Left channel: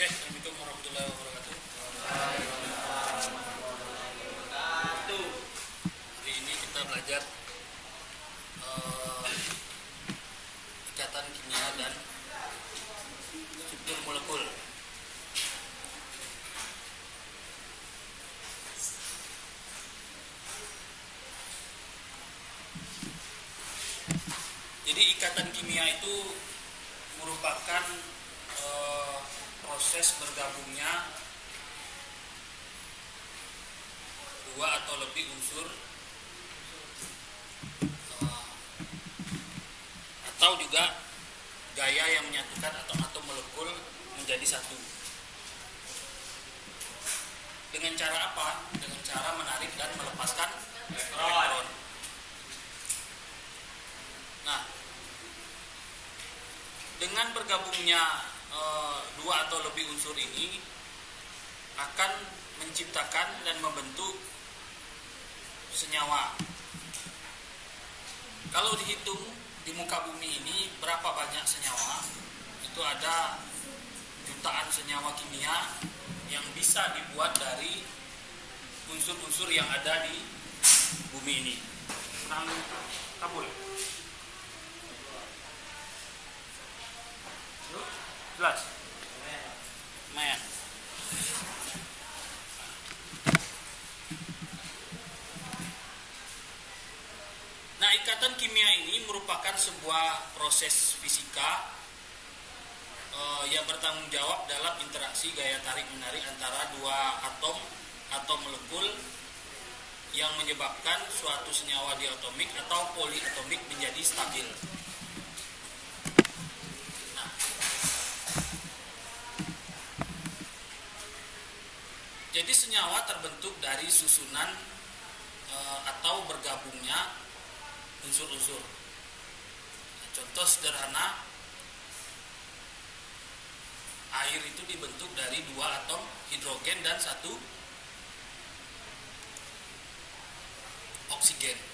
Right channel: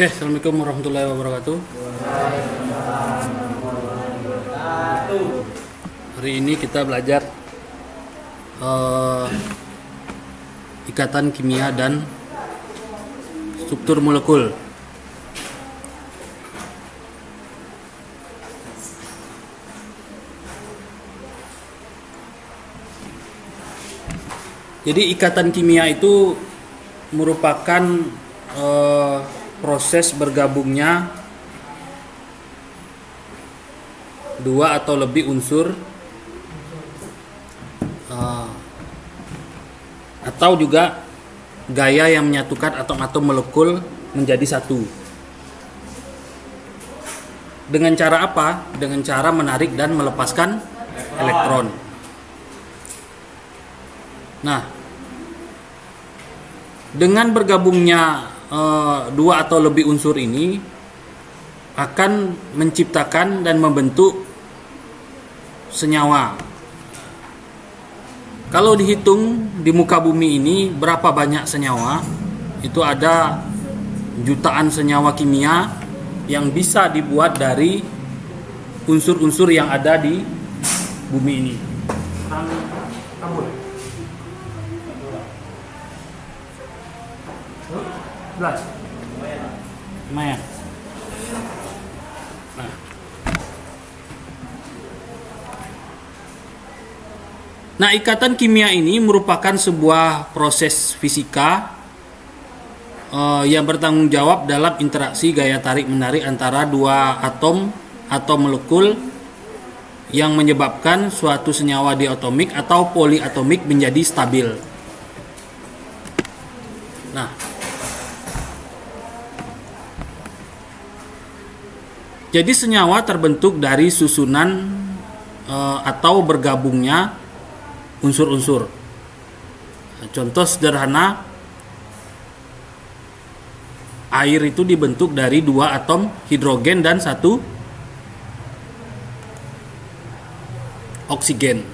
Oke, assalamualaikum warahmatullahi wabarakatuh. Hari ini kita belajar ikatan kimia dan struktur molekul. Jadi ikatan kimia itu merupakan proses bergabungnya dua atau lebih unsur atau juga gaya yang menyatukan atom-atom molekul menjadi satu. Dengan cara apa? Dengan cara menarik dan melepaskan elektron. Nah, dengan bergabungnya dua atau lebih unsur ini akan menciptakan dan membentuk senyawa. Kalau dihitung di muka bumi ini berapa banyak senyawa, itu ada jutaan senyawa kimia yang bisa dibuat dari unsur-unsur yang ada di bumi ini. Lumayan. Nah, ikatan kimia ini merupakan sebuah proses fisika yang bertanggung jawab dalam interaksi gaya tarik-menarik antara dua atom atau molekul yang menyebabkan suatu senyawa diatomik atau poliatomik menjadi stabil. Nah, jadi senyawa terbentuk dari susunan atau bergabungnya unsur-unsur. Contoh sederhana, air itu dibentuk dari dua atom hidrogen dan satu oksigen.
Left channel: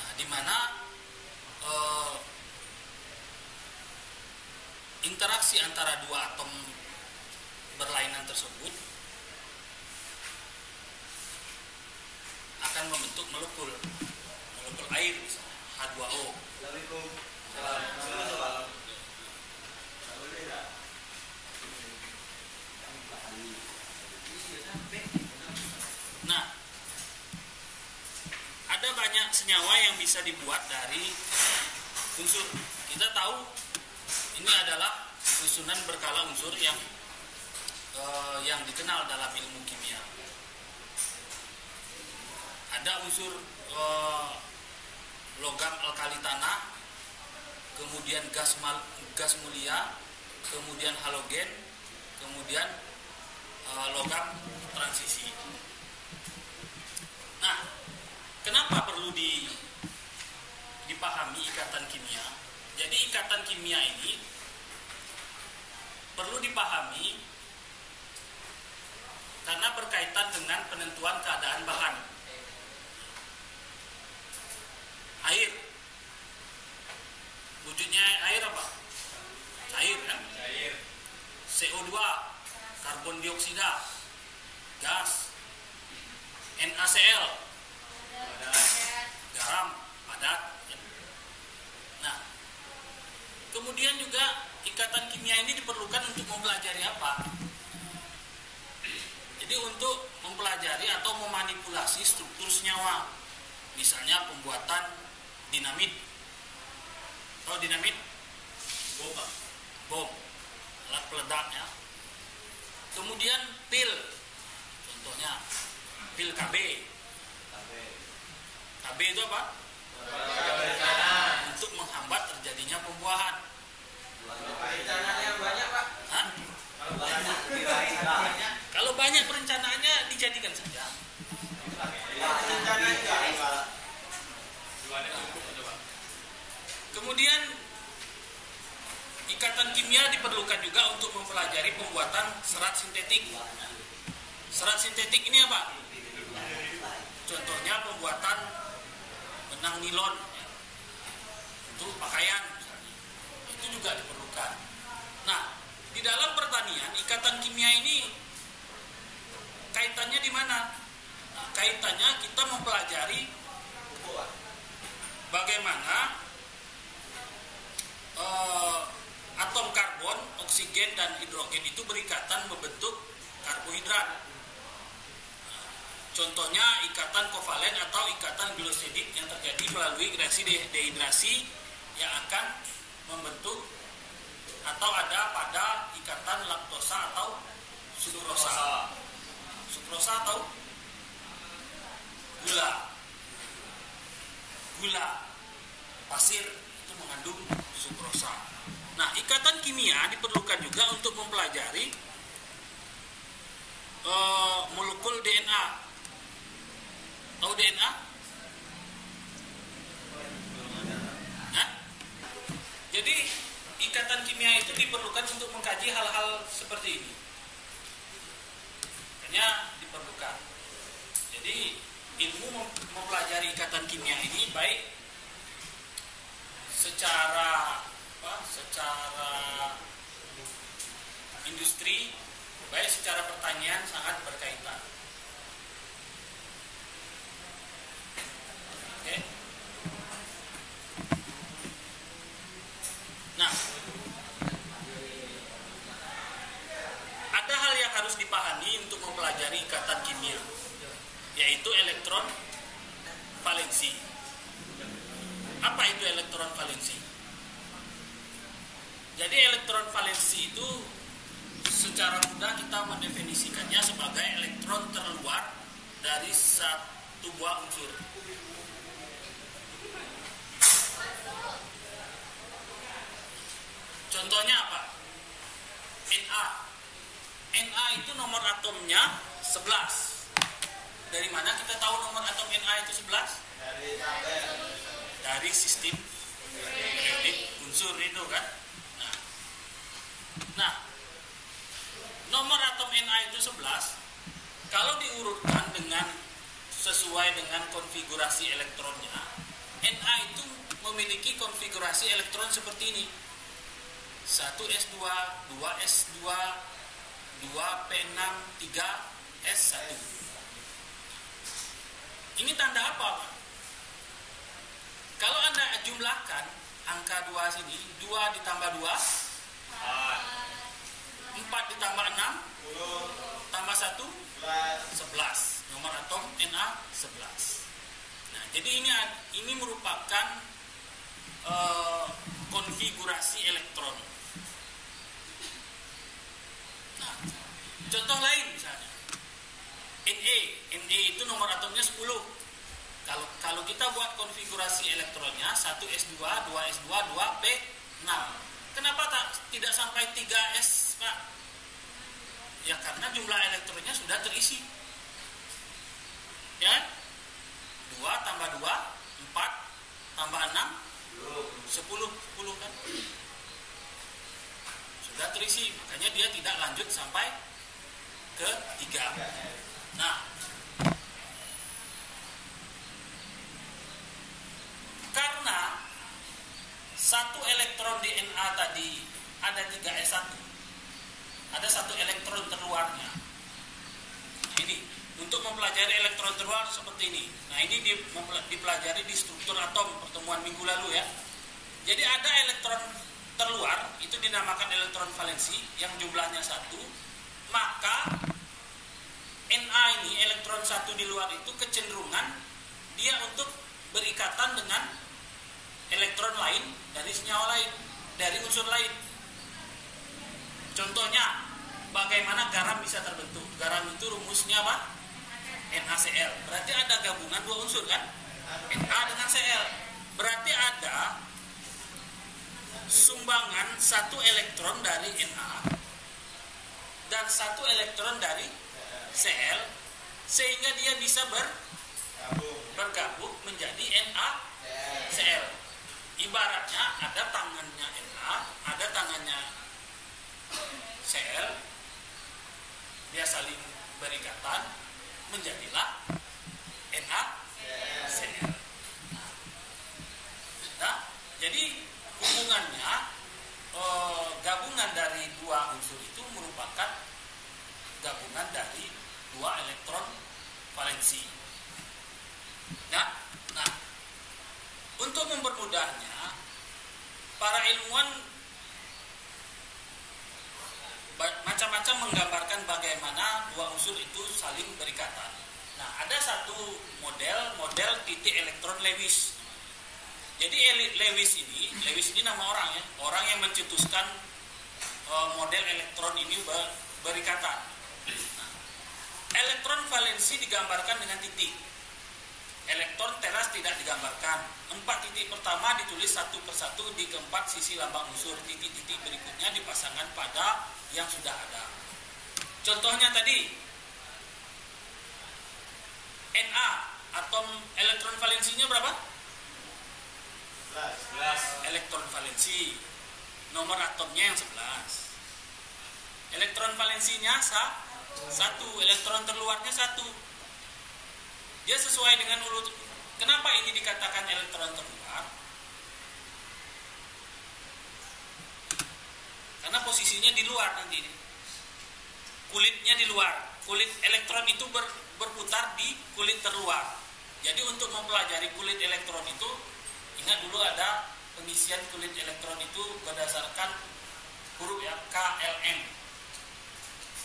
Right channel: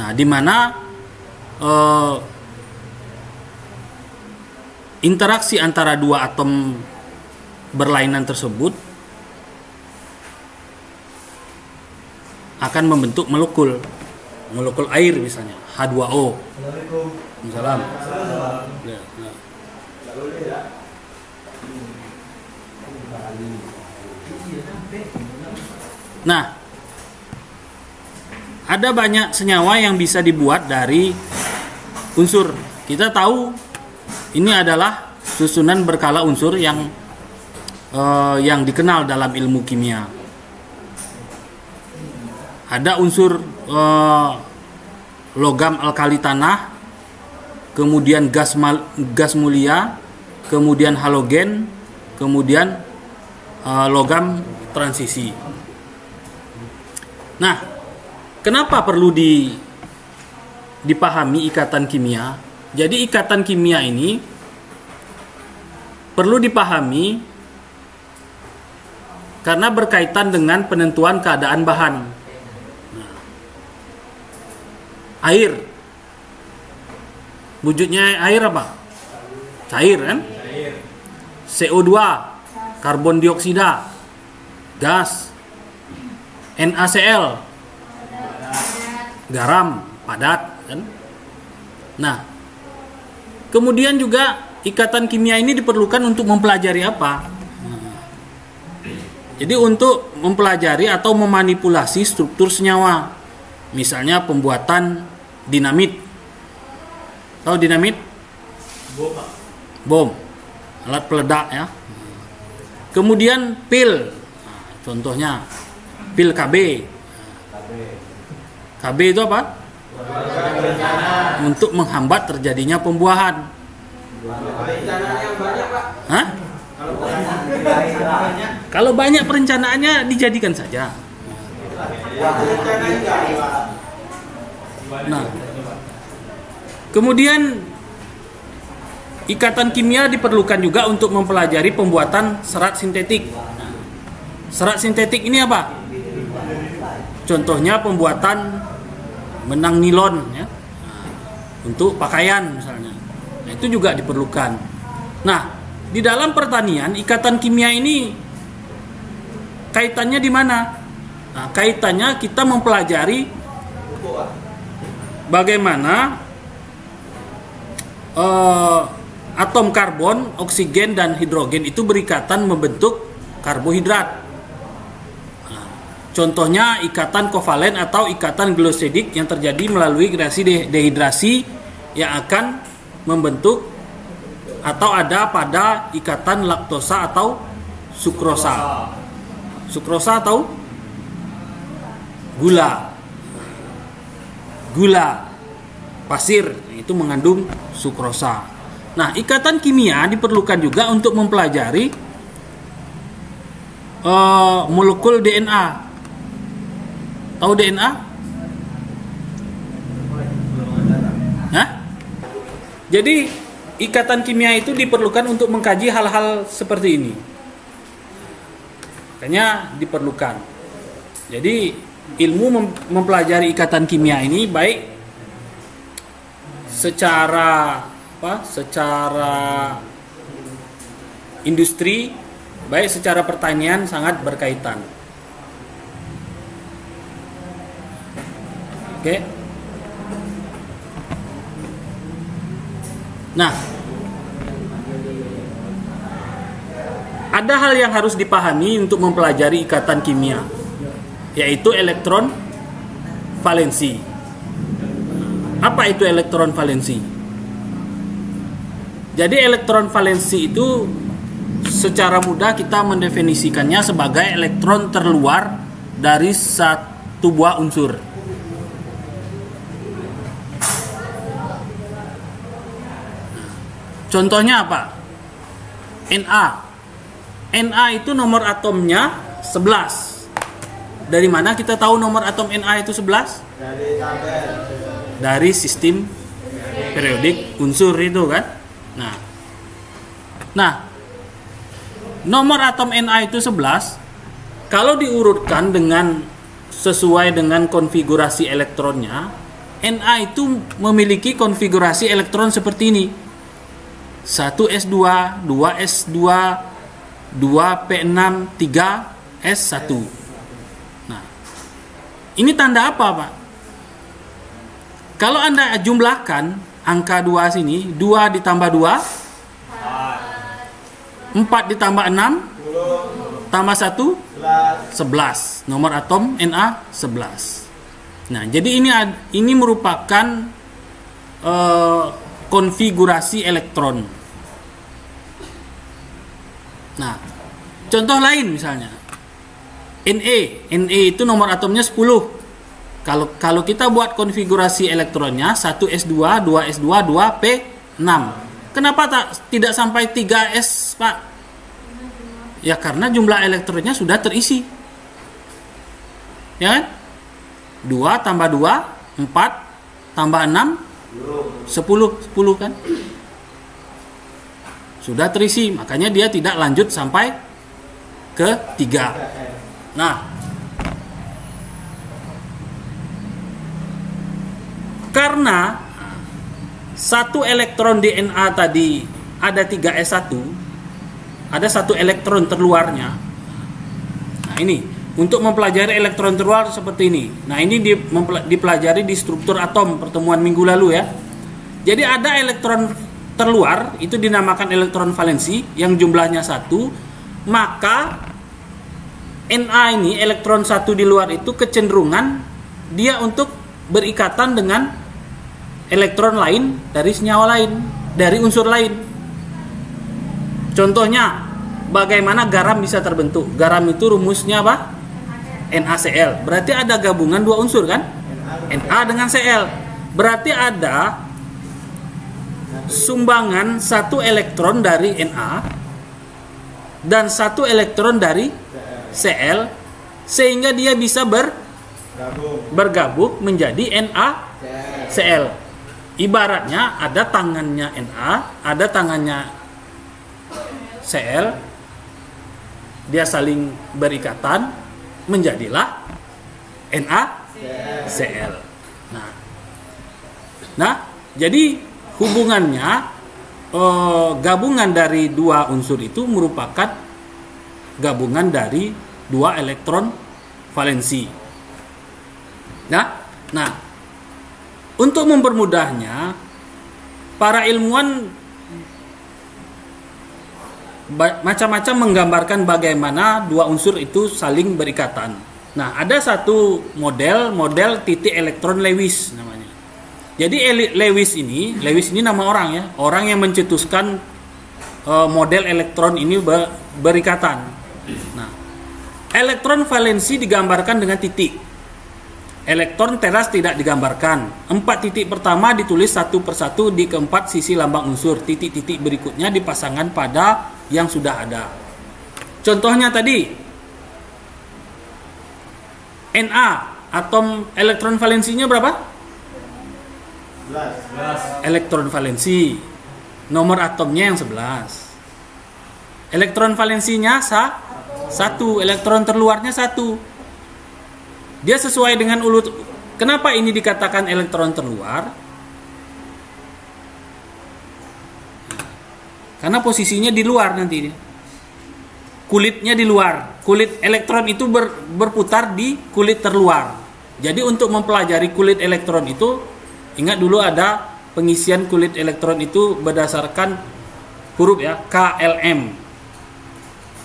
Nah, di mana interaksi antara dua atom berlainan tersebut akan membentuk molekul air misalnya H2O. Salam. Nah, ada banyak senyawa yang bisa dibuat dari unsur. Kita tahu ini adalah susunan berkala unsur yang dikenal dalam ilmu kimia. Ada unsur logam alkali tanah, kemudian gas mulia, kemudian halogen, kemudian logam transisi. Nah, kenapa perlu dipahami ikatan kimia? Jadi ikatan kimia ini perlu dipahami karena berkaitan dengan penentuan keadaan bahan. Air, wujudnya air apa? Cair kan? CO2, karbon dioksida, gas, NaCl, garam, padat kan? Nah, kemudian juga ikatan kimia ini diperlukan untuk mempelajari apa? Jadi untuk mempelajari atau memanipulasi struktur senyawa. Misalnya pembuatan dinamit. Tahu dinamit? Bom. Alat peledak ya. Kemudian pil. Contohnya pil KB. KB itu apa? Untuk menghambat terjadinya pembuahan. Hah? Kalau banyak perencanaannya dijadikan saja. Nah, kemudian ikatan kimia diperlukan juga untuk mempelajari pembuatan serat sintetik. Serat sintetik ini apa? Contohnya pembuatan benang nilon ya, untuk pakaian misalnya. Nah, itu juga diperlukan. Nah, di dalam pertanian ikatan kimia ini kaitannya di mana? Nah, kaitannya kita mempelajari bagaimana atom karbon, oksigen, dan hidrogen itu berikatan membentuk karbohidrat. Nah, contohnya ikatan kovalen atau ikatan glukosidik yang terjadi melalui reaksi dehidrasi yang akan membentuk atau ada pada ikatan laktosa atau sukrosa. Sukrosa atau gula. Gula pasir itu mengandung sukrosa. Nah, ikatan kimia diperlukan juga untuk mempelajari molekul DNA. Tahu DNA? Hah? Jadi ikatan kimia itu diperlukan untuk mengkaji hal-hal seperti ini. Makanya diperlukan. Jadi ilmu mempelajari ikatan kimia ini baik secara industri, baik secara pertanian sangat berkaitan. Oke. Nah, ada hal yang harus dipahami untuk mempelajari ikatan kimia, yaitu elektron valensi. Apa itu elektron valensi? Jadi elektron valensi itu secara mudah kita mendefinisikannya sebagai elektron terluar dari satu buah unsur. Contohnya apa? Na. Na itu nomor atomnya 11. Dari mana kita tahu nomor atom Na itu 11? Dari sistem periodik unsur itu kan. Nah, nomor atom Na itu 11. Kalau diurutkan dengan sesuai dengan konfigurasi elektronnya, Na itu memiliki konfigurasi elektron seperti ini. 1s2, 2s2, 2p6, 3s1. Nah, ini tanda apa, Pak? Kalau Anda jumlahkan angka 2 sini, 2 ditambah 2, 4 ditambah 6, tambah 1, 11. Nomor atom Na 11. Nah, jadi ini merupakan konfigurasi elektron. Nah, contoh lain misalnya Ne itu nomor atomnya 10. Kalau kita buat konfigurasi elektronnya 1s2, 2s2, 2p6. Kenapa tidak sampai 3s, Pak? Ya karena jumlah elektronnya sudah terisi. Ya kan? 2 tambah 2, 4 tambah 6, 10 kan? Sudah terisi, makanya dia tidak lanjut sampai ke 3. Nah, karena satu elektron di Na tadi ada 3s1, ada satu elektron terluarnya. Nah, ini untuk mempelajari elektron terluar seperti ini. Nah, ini dipelajari di struktur atom pertemuan minggu lalu ya. Jadi ada elektron terluar, itu dinamakan elektron valensi yang jumlahnya 1. Maka Na ini, elektron 1 di luar itu kecenderungan dia untuk berikatan dengan elektron lain dari senyawa lain, dari unsur lain. Contohnya, bagaimana garam bisa terbentuk? Garam itu rumusnya apa? NaCl. Berarti ada gabungan dua unsur kan? Na dengan Cl. Berarti ada sumbangan satu elektron dari Na dan satu elektron dari Cl, sehingga dia bisa bergabung menjadi NaCl. Ibaratnya ada tangannya Na, ada tangannya Cl, dia saling berikatan, menjadilah NaCl. Nah, jadi hubungannya gabungan dari dua unsur itu merupakan gabungan dari dua elektron valensi. Nah, untuk mempermudahnya, para ilmuwan macam-macam menggambarkan bagaimana dua unsur itu saling berikatan. Nah, ada satu model titik elektron Lewis namanya. Jadi Lewis ini nama orang ya, orang yang mencetuskan model elektron ini berikatan. Nah, elektron valensi digambarkan dengan titik. Elektron teras tidak digambarkan. 4 titik pertama ditulis satu persatu di keempat sisi lambang unsur. Titik-titik berikutnya dipasangkan pada yang sudah ada. Contohnya tadi, Na, atom elektron valensinya berapa? 11. Elektron valensi. Nomor atomnya yang 11. Elektron valensinya 1, elektron terluarnya 1. Dia sesuai dengan ulut. Kenapa ini dikatakan elektron terluar? Karena posisinya di luar nanti. Kulitnya di luar. Kulit elektron itu berputar di kulit terluar. Jadi untuk mempelajari kulit elektron itu, ingat dulu ada pengisian kulit elektron itu berdasarkan huruf ya, KLM.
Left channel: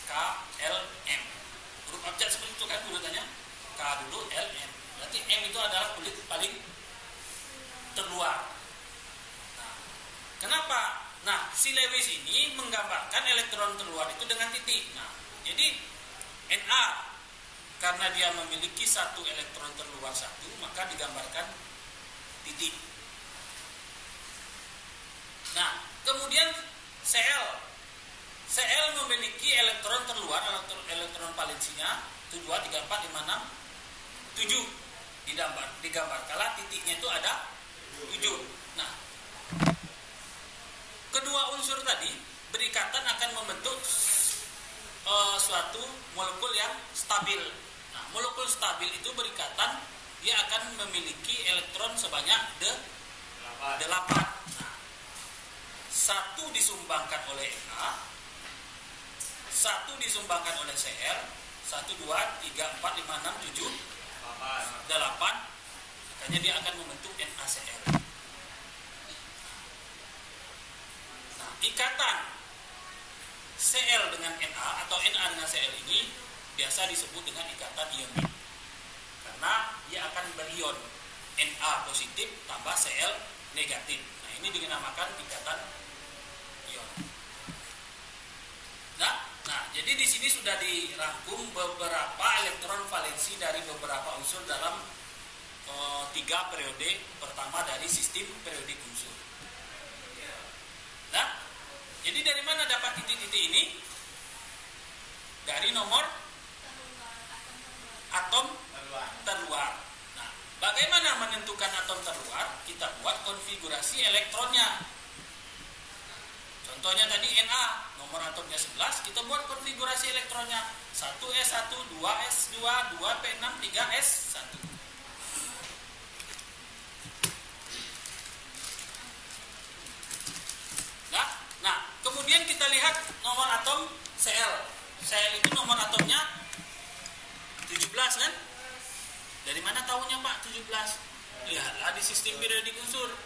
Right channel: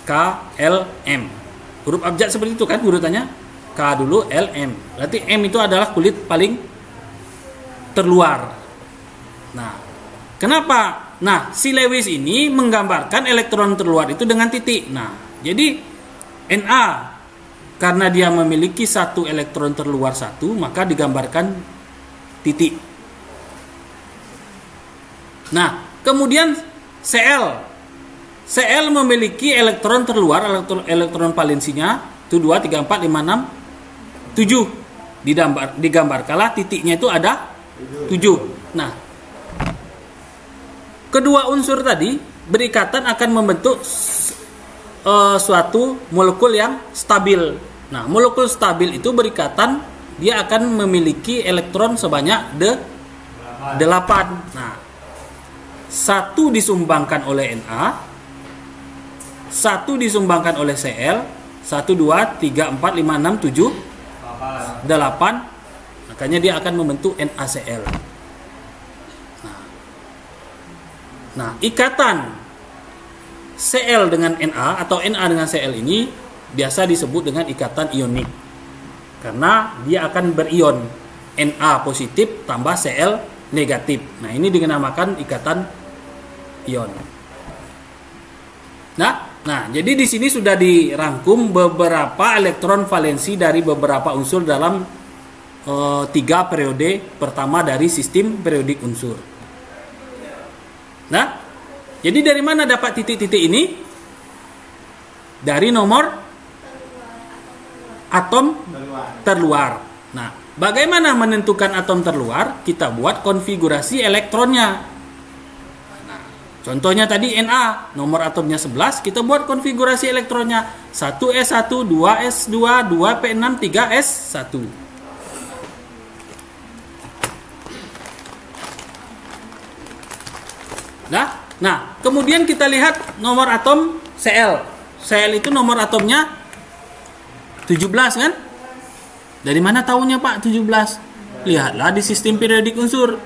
KLM. Huruf abjad seperti itu kan urutannya? K dulu, L, M. Berarti M itu adalah kulit paling terluar. Nah, kenapa? Nah, si Lewis ini menggambarkan elektron terluar itu dengan titik. Nah, jadi Na, karena dia memiliki satu elektron terluar 1, maka digambarkan titik. Nah, kemudian Cl. Cl memiliki elektron terluar, elektron valensinya itu 2, 3, 4, 5, 6, 7. Digambarkanlah titiknya itu ada 7. Nah, kedua unsur tadi berikatan akan membentuk suatu molekul yang stabil. Nah, molekul stabil itu berikatan, dia akan memiliki elektron sebanyak 8. Nah, 1 disumbangkan oleh Na, 1 disumbangkan oleh Cl, 1, 2, 3, 4, 5, 6, 7, 8. Makanya dia akan membentuk NaCl. Nah, ikatan Cl dengan Na atau Na dengan Cl ini biasa disebut dengan ikatan ionik. Karena dia akan berion, Na positif tambah Cl negatif. Nah, ini dinamakan ikatan ion. Nah, jadi di sini sudah dirangkum beberapa elektron valensi dari beberapa unsur dalam 3 periode pertama dari sistem periodik unsur. Nah, jadi dari mana dapat titik-titik ini? Dari nomor atom terluar. Nah, bagaimana menentukan atom terluar? Kita buat konfigurasi elektronnya. Contohnya tadi Na, nomor atomnya 11, kita buat konfigurasi elektronnya 1s1, 2s2, 2p6, 3s1. Nah, kemudian kita lihat nomor atom Cl. Cl itu nomor atomnya 17 kan? Dari mana tahunya Pak 17? Lihatlah di sistem periodik unsur.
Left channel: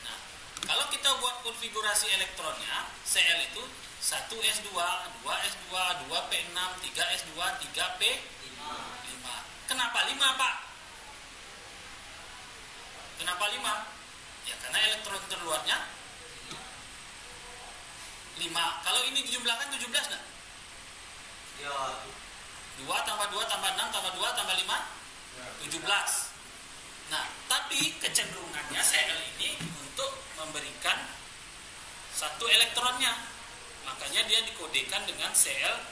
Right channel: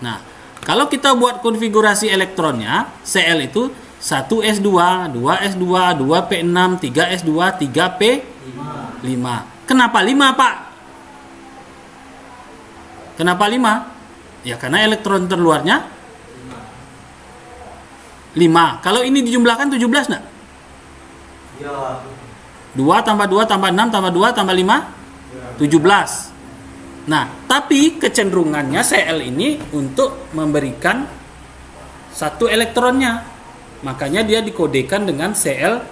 Nah, kalau kita buat konfigurasi elektronnya, Cl itu 1s2, 2s2, 2p6, 3s2, 3p5. Kenapa 5, Pak? Kenapa 5? Ya karena elektron terluarnya 5. Kalau ini dijumlahkan 17 enggak? Ya. 2 tambah 2 tambah 6 tambah 2 tambah 5? 17. Nah, tapi kecenderungannya Cl ini untuk memberikan satu elektronnya. Makanya dia dikodekan dengan Cl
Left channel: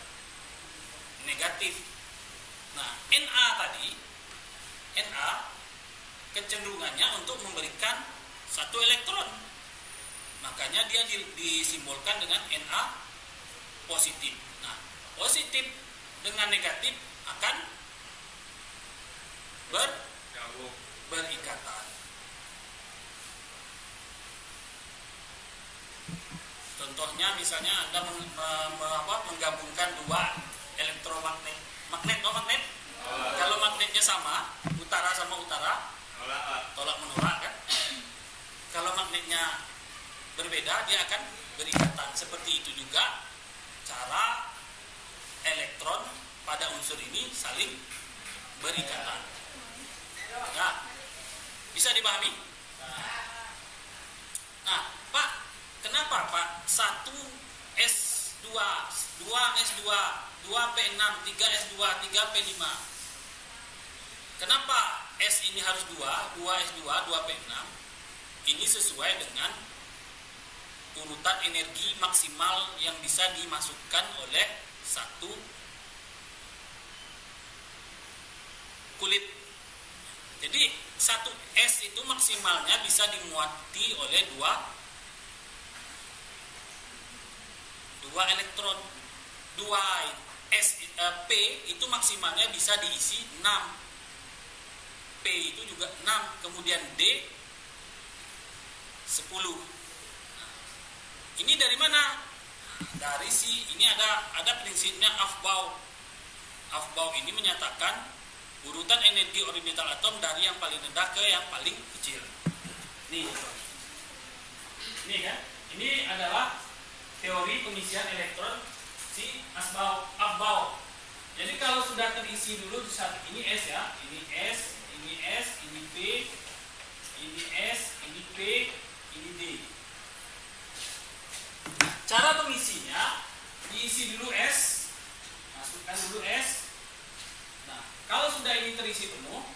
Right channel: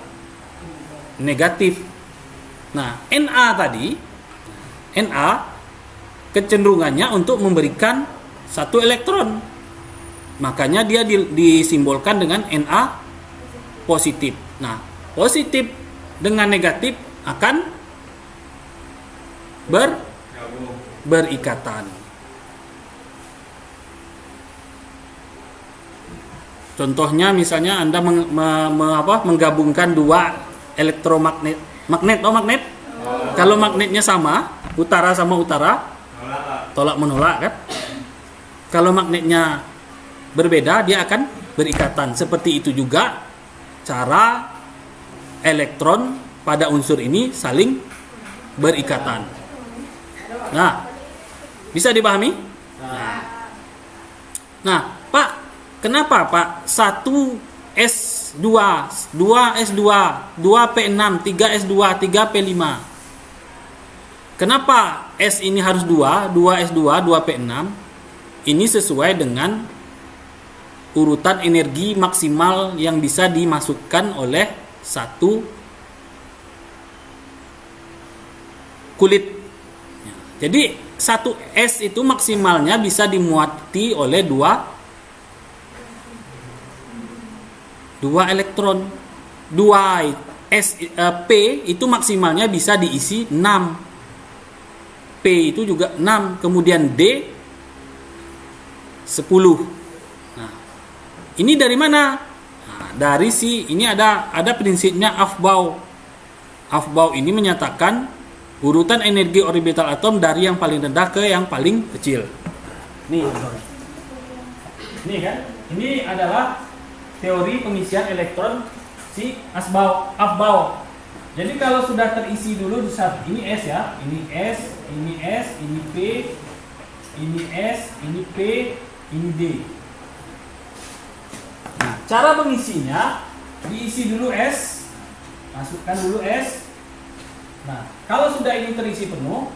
negatif. Nah, Na tadi, Na kecenderungannya untuk memberikan satu elektron. Makanya dia disimbolkan dengan Na positif. Nah, positif dengan negatif akan berikatan. Contohnya misalnya Anda menggabungkan dua elektromagnet. Magnet, magnet. Kalau magnetnya sama, utara sama utara, tolak menolak kan? Kalau magnetnya berbeda, dia akan berikatan. Seperti itu juga cara elektron pada unsur ini saling berikatan. Nah, bisa dipahami? Nah, Pak, kenapa Pak 1S2, 2S2, 2P6, 3S2, 3P5? Kenapa S ini harus 2, 2S2, 2P6? Ini sesuai dengan urutan energi maksimal yang bisa dimasukkan oleh satu kulit. Jadi 1S itu maksimalnya bisa dimuati oleh dua elektron. 2P itu maksimalnya bisa diisi 6. P itu juga 6. Kemudian D 10. Nah, ini dari mana? Nah, dari ini ada prinsipnya Aufbau. Aufbau ini menyatakan urutan energi orbital atom dari yang paling rendah ke yang paling kecil. Nih kan? Ini adalah teori pengisian elektron si Aufbau. Jadi kalau sudah terisi dulu di saat ini S ya, ini S, ini S, ini P, ini S, ini P, ini D. Nah, cara mengisinya diisi dulu S, masukkan dulu S. Nah, kalau sudah ini terisi penuh,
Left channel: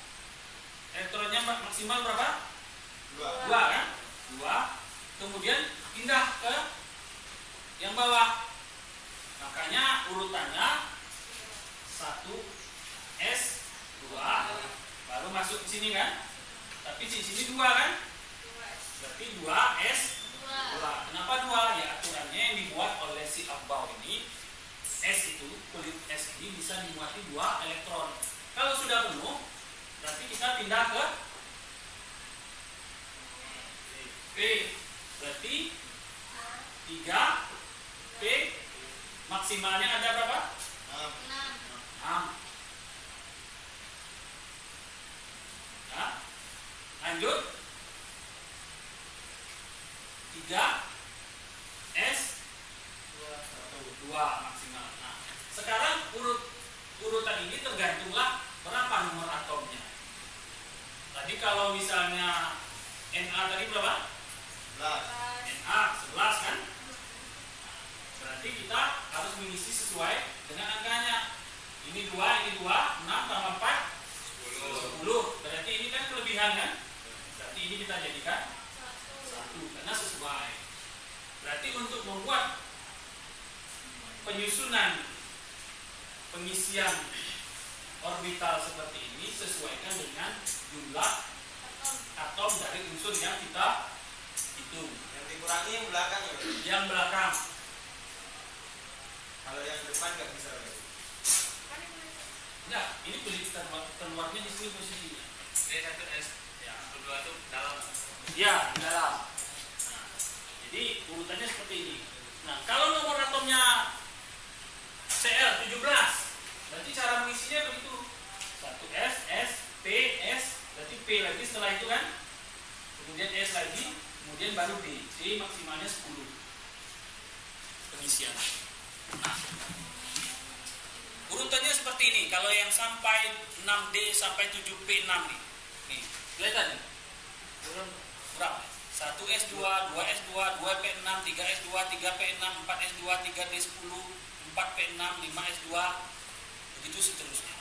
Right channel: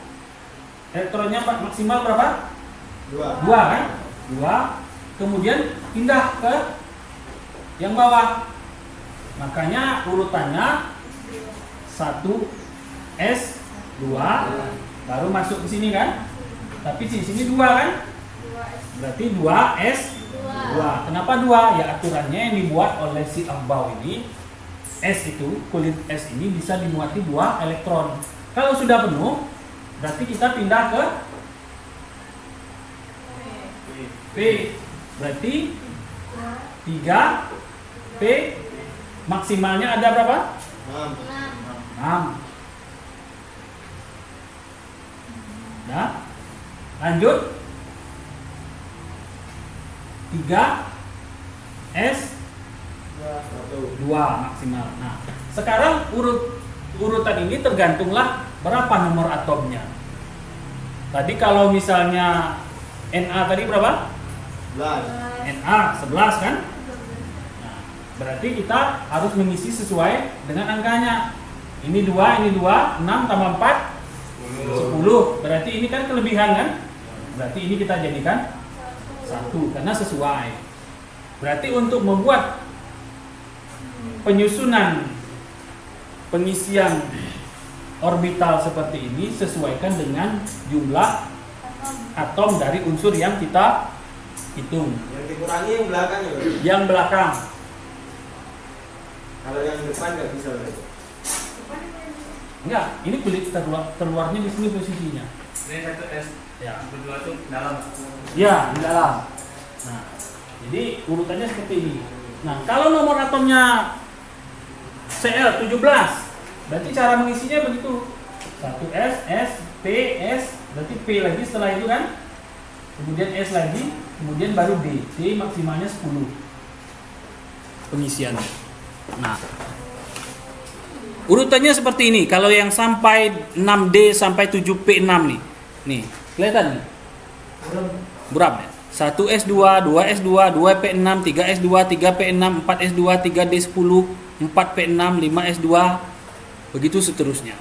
elektronnya maksimal berapa? 2 kan? 2. Kemudian pindah ke yang bawah. Makanya urutannya 1S2 baru masuk ke sini kan? Tapi di sini 2 kan? Berarti 2S2. Kenapa 2? Ya aturannya yang dibuat oleh si Aufbau ini, S itu, kulit S ini bisa dimuati 2 elektron. Kalau sudah penuh, berarti kita pindah ke P. Berarti 3P maksimalnya ada berapa? 6. Nah, lanjut. 3S2 maksimal. Nah, sekarang urutan ini tergantunglah berapa nomor atomnya. Tadi kalau misalnya Na tadi berapa? 11. Na 11 kan? Nah, berarti kita harus mengisi sesuai dengan angkanya. Ini 2, ini 2, 6 tambah 4 10. Berarti ini kan kelebihan kan? Berarti ini kita jadikan 1 karena sesuai. Berarti untuk membuat penyusunan pengisian orbital seperti ini sesuaikan dengan jumlah atom dari unsur yang kita hitung. Yang dikurangi yang belakang ya, Bro? Yang belakang. Kalau yang depan nggak bisa, Bro? Enggak, ini kulit keluarnya di sini posisinya. Ini 1S. Ya. Berdua itu dalam. Ya, di dalam. Nah, jadi urutannya seperti ini. Nah, kalau nomor atomnya Cl 17, berarti cara mengisinya begitu. 1S, S, P, S, berarti P lagi setelah itu kan. Kemudian S lagi, kemudian baru D. D maksimalnya 10. Pengisian. Nah, urutannya seperti ini. Kalau yang sampai 6D sampai 7P6 nih. Nih, kelihatan nih? Buram ya? 1S2, 2S2, 2P6, 3S2, 3P6, 4S2, 3D10, 4P6, 5S2, begitu seterusnya.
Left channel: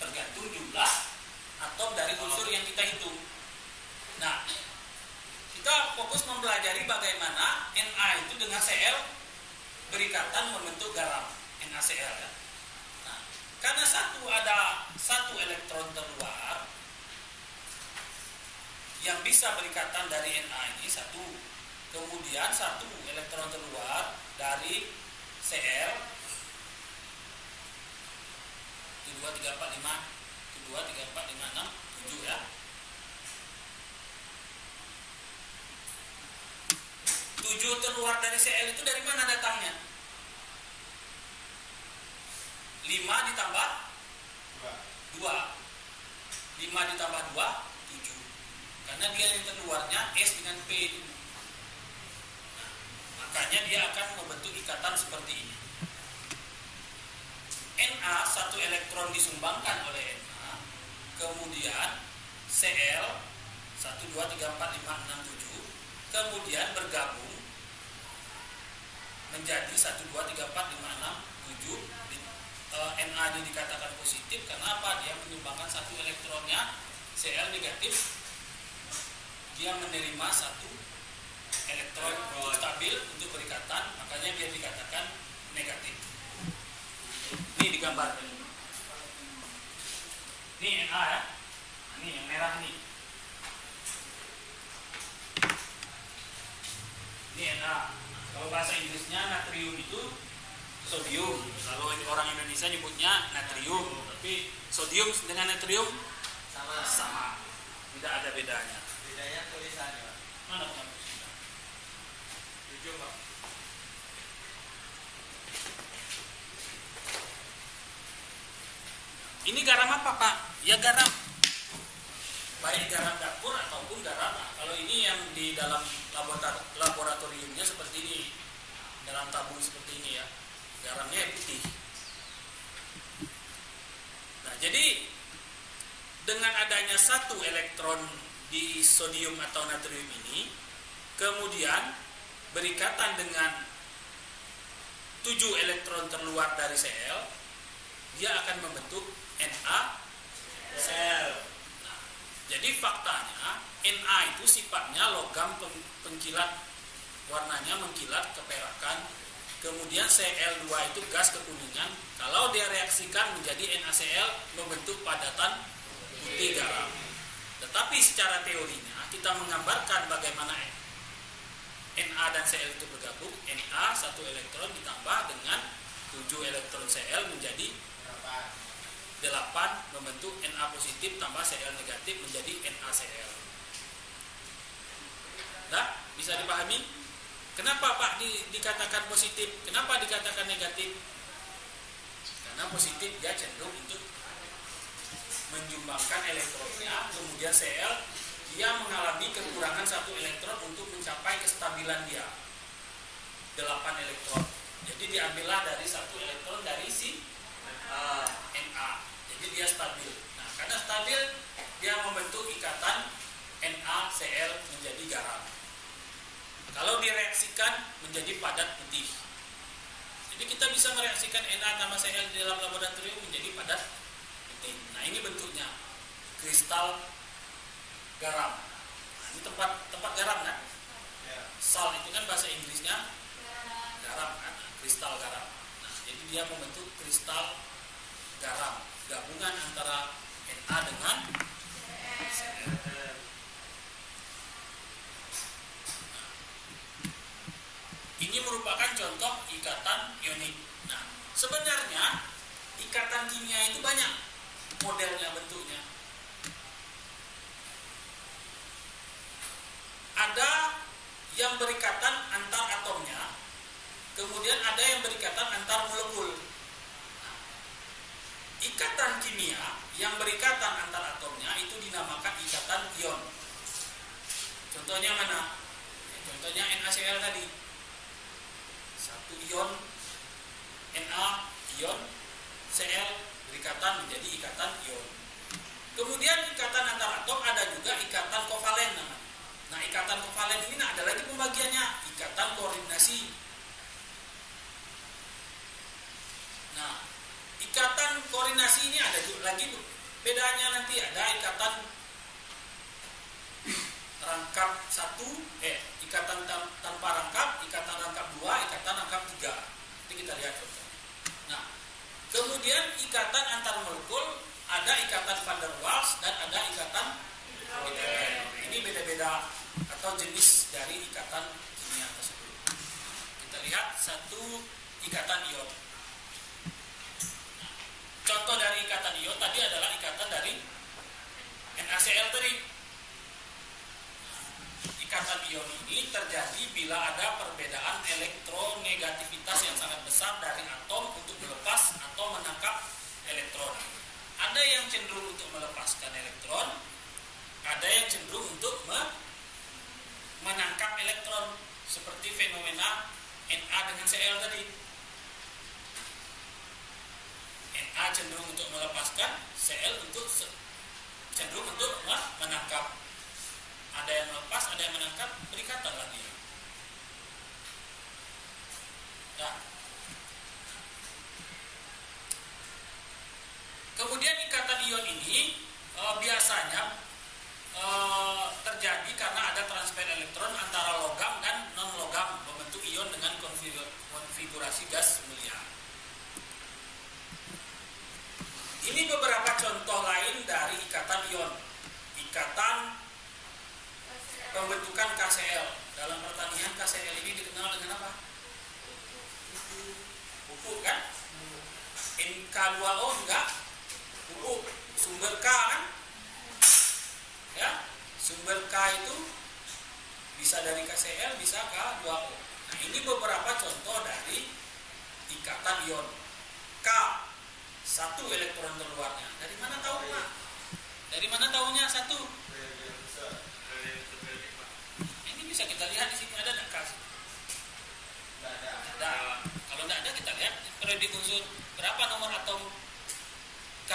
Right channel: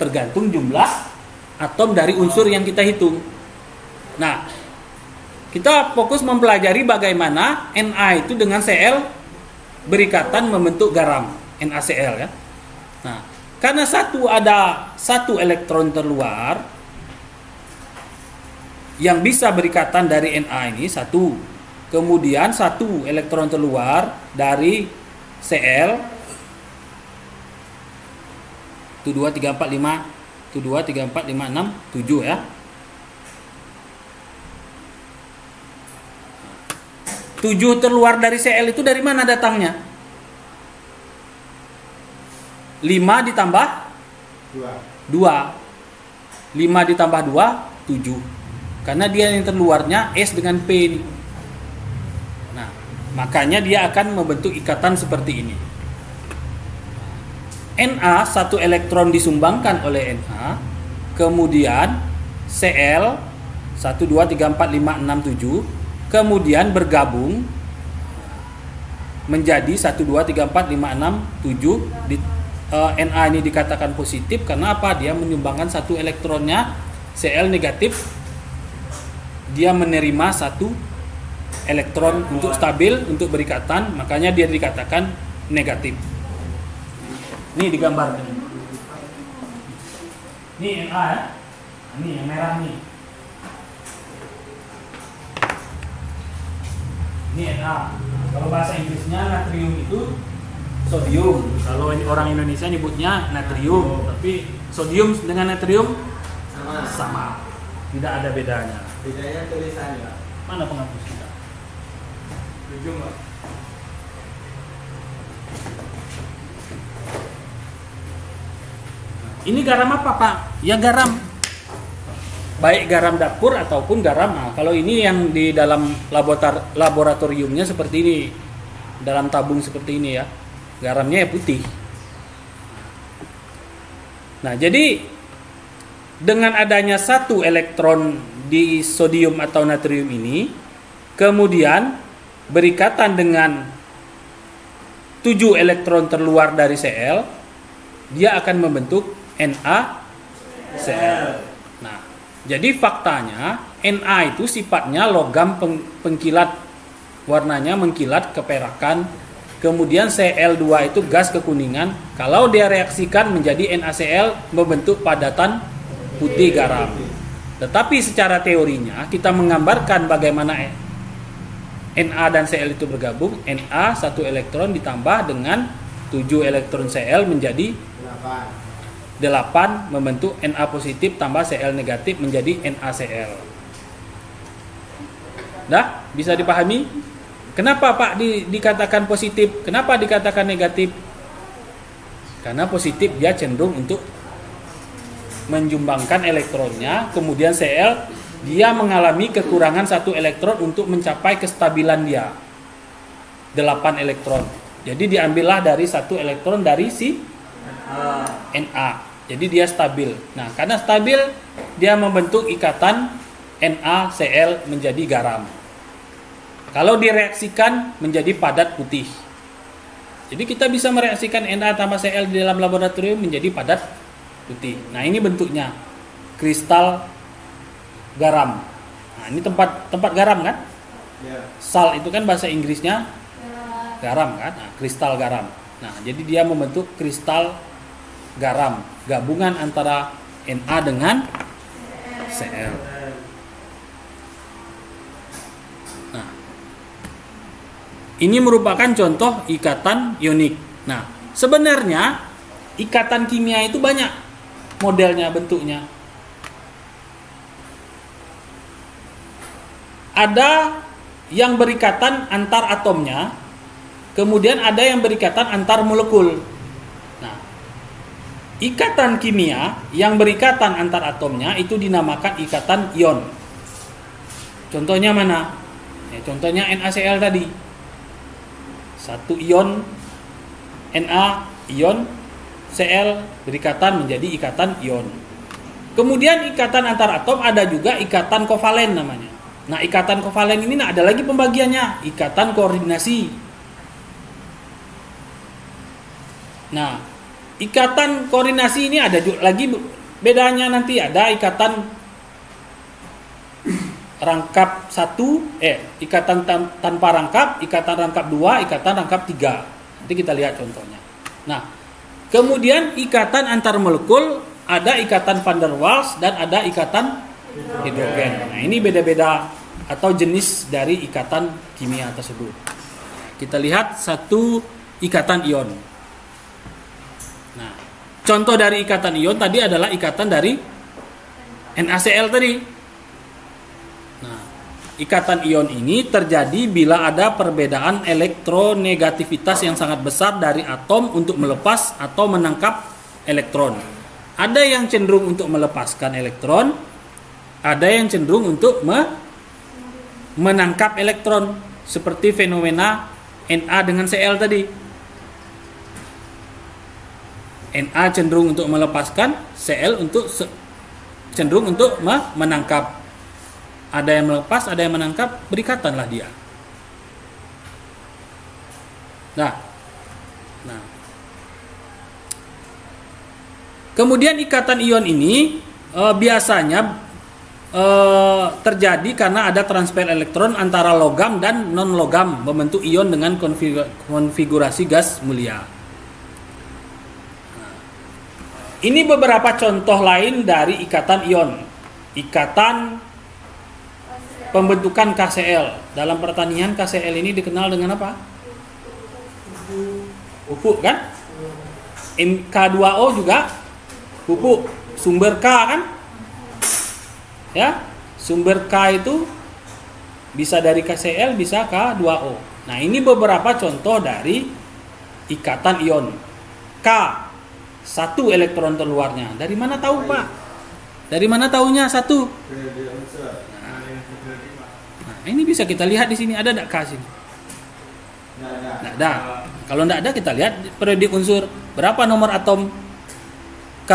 Tergantung jumlah atom dari unsur yang kita hitung. Nah, kita fokus mempelajari bagaimana Na itu dengan Cl berikatan membentuk garam, NaCl ya. Nah, karena ada satu elektron terluar yang bisa berikatan dari Na ini satu. Kemudian satu elektron terluar dari Cl. 1 2 3 4 5 1 2 3 4 5 6 7 ya. 7 terluar dari Cl itu dari mana datangnya? 5 ditambah 2. 5 ditambah 2, 7. Karena dia yang terluarnya S dengan P ini. Nah, makanya dia akan membentuk ikatan seperti ini. Na, satu elektron disumbangkan oleh Na, kemudian Cl 1, 2, 3, 4, 5, 6, 7 kemudian bergabung menjadi 1, 2, 3, 4, 5, 6, 7. Na ini dikatakan positif karena apa? Dia menyumbangkan satu elektronnya. Cl negatif, dia menerima satu elektron untuk stabil, untuk berikatan, makanya dia dikatakan negatif. Ini digambar. Ini Na ya. Ini yang merah nih. Ini Na. Kalau bahasa Inggrisnya natrium itu sodium. Kalau orang Indonesia nyebutnya natrium, tapi sodium dengan natrium sama. Tidak ada bedanya. Bedanya tulisannya. Mana penghapus kita? 7, Pak. Ini garam apa, Pak? Ya garam. Baik garam dapur ataupun garam. Nah, kalau ini yang di dalam laboratoriumnya seperti ini. Dalam tabung seperti ini ya. Garamnya ya putih. Nah, jadi dengan adanya satu elektron di sodium atau natrium ini, kemudian berikatan dengan 7 elektron terluar dari Cl, dia akan membentuk NaCl. Nah, jadi faktanya Na itu sifatnya logam pengkilat, warnanya mengkilat keperakan. Kemudian Cl2 itu gas kekuningan. Kalau dia reaksikan menjadi NaCl membentuk padatan putih garam. Tetapi secara teorinya kita menggambarkan bagaimana Na dan Cl itu bergabung. Na satu elektron ditambah dengan 7 elektron Cl menjadi 8 membentuk Na positif tambah Cl negatif menjadi NaCl. Dah, bisa dipahami? Kenapa Pak dikatakan positif? Kenapa dikatakan negatif? Karena positif dia cenderung untuk menjumbangkan elektronnya, kemudian Cl dia mengalami kekurangan satu elektron untuk mencapai kestabilan dia. 8 elektron. Jadi diambillah dari satu elektron dari si Na. Jadi dia stabil. Nah, karena stabil dia membentuk ikatan NaCl menjadi garam. Kalau direaksikan menjadi padat putih. Jadi kita bisa mereaksikan Na tambah Cl di dalam laboratorium menjadi padat putih. Nah, ini bentuknya kristal garam. Nah, ini tempat garam kan? Sal itu kan bahasa Inggrisnya garam kan? Nah, kristal garam. Nah, jadi dia membentuk kristal garam, gabungan antara Na dengan Cl. Nah, ini merupakan contoh ikatan ionik. Nah, sebenarnya ikatan kimia itu banyak modelnya, bentuknya. Ada yang berikatan antar atomnya, kemudian ada yang berikatan antar molekul. Nah, ikatan kimia yang berikatan antar atomnya itu dinamakan ikatan ion. Contohnya mana? Ya, contohnya NaCl tadi. Satu ion Na, ion Cl berikatan menjadi ikatan ion. Kemudian ikatan antar atom ada juga ikatan kovalen namanya. Nah, ikatan kovalen ini ada lagi pembagiannya, ikatan koordinasi. Nah, ikatan koordinasi ini ada juga lagi bedanya, nanti ada ikatan rangkap 1, ikatan tanpa rangkap, ikatan rangkap 2, ikatan rangkap 3. Nanti kita lihat contohnya. Nah, kemudian ikatan antar molekul ada ikatan van der Waals dan ada ikatan hidrogen. Nah, ini beda-beda atau jenis dari ikatan kimia tersebut. Kita lihat satu ikatan ion. Nah, contoh dari ikatan ion tadi adalah ikatan dari NaCl tadi. Nah, ikatan ion ini terjadi bila ada perbedaan elektronegativitas yang sangat besar dari atom untuk melepas atau menangkap elektron. Ada yang cenderung untuk melepaskan elektron, ada yang cenderung untuk menangkap elektron, seperti fenomena Na dengan Cl tadi. Na cenderung untuk melepaskan, Cl cenderung untuk menangkap. Ada yang melepas, ada yang menangkap, berikatanlah dia. Nah. Kemudian ikatan ion ini biasanya terjadi karena ada transfer elektron antara logam dan non logam membentuk ion dengan konfigurasi gas mulia. Ini beberapa contoh lain dari ikatan ion. Ikatan pembentukan KCl. Dalam pertanian KCl ini dikenal dengan apa? Pupuk kan? K2O juga pupuk. Sumber K kan? Ya, sumber K itu bisa dari KCl, bisa K2O. Nah, ini beberapa contoh dari ikatan ion. K, satu elektron terluarnya. Dari mana tahu, Pak? Dari mana tahunya satu? Nah, ini bisa kita lihat di sini, ada enggak K sini? Enggak ada. Kalau enggak ada, kita lihat periodik unsur. Berapa nomor atom K?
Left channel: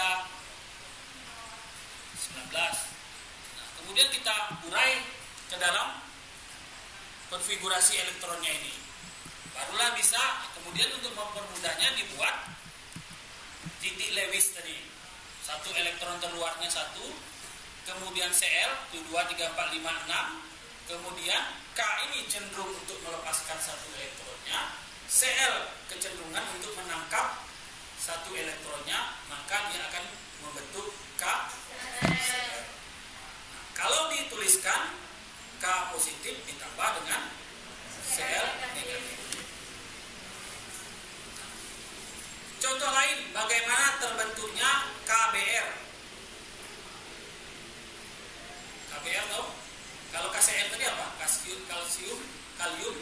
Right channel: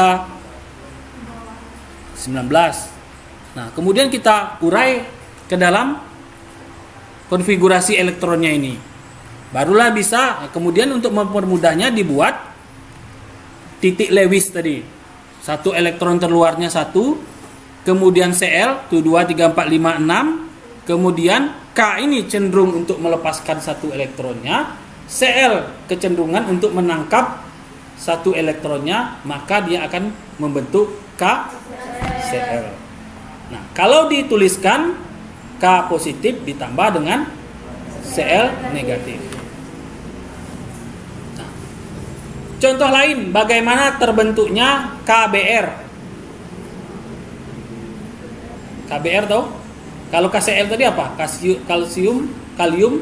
19. Nah, kemudian kita urai ke dalam konfigurasi elektronnya ini. Barulah bisa, kemudian untuk mempermudahnya dibuat titik Lewis tadi. Satu elektron terluarnya satu, kemudian Cl, 2, 3, 4, 5, 6. Kemudian K ini cenderung untuk melepaskan satu elektronnya, Cl kecenderungan untuk menangkap satu elektronnya, maka dia akan membentuk KCl. Nah, kalau dituliskan K positif ditambah dengan Cl negatif. Nah, contoh lain bagaimana terbentuknya KBr. KBr tahu? Kalau KCl tadi apa? Kalsium, kalium,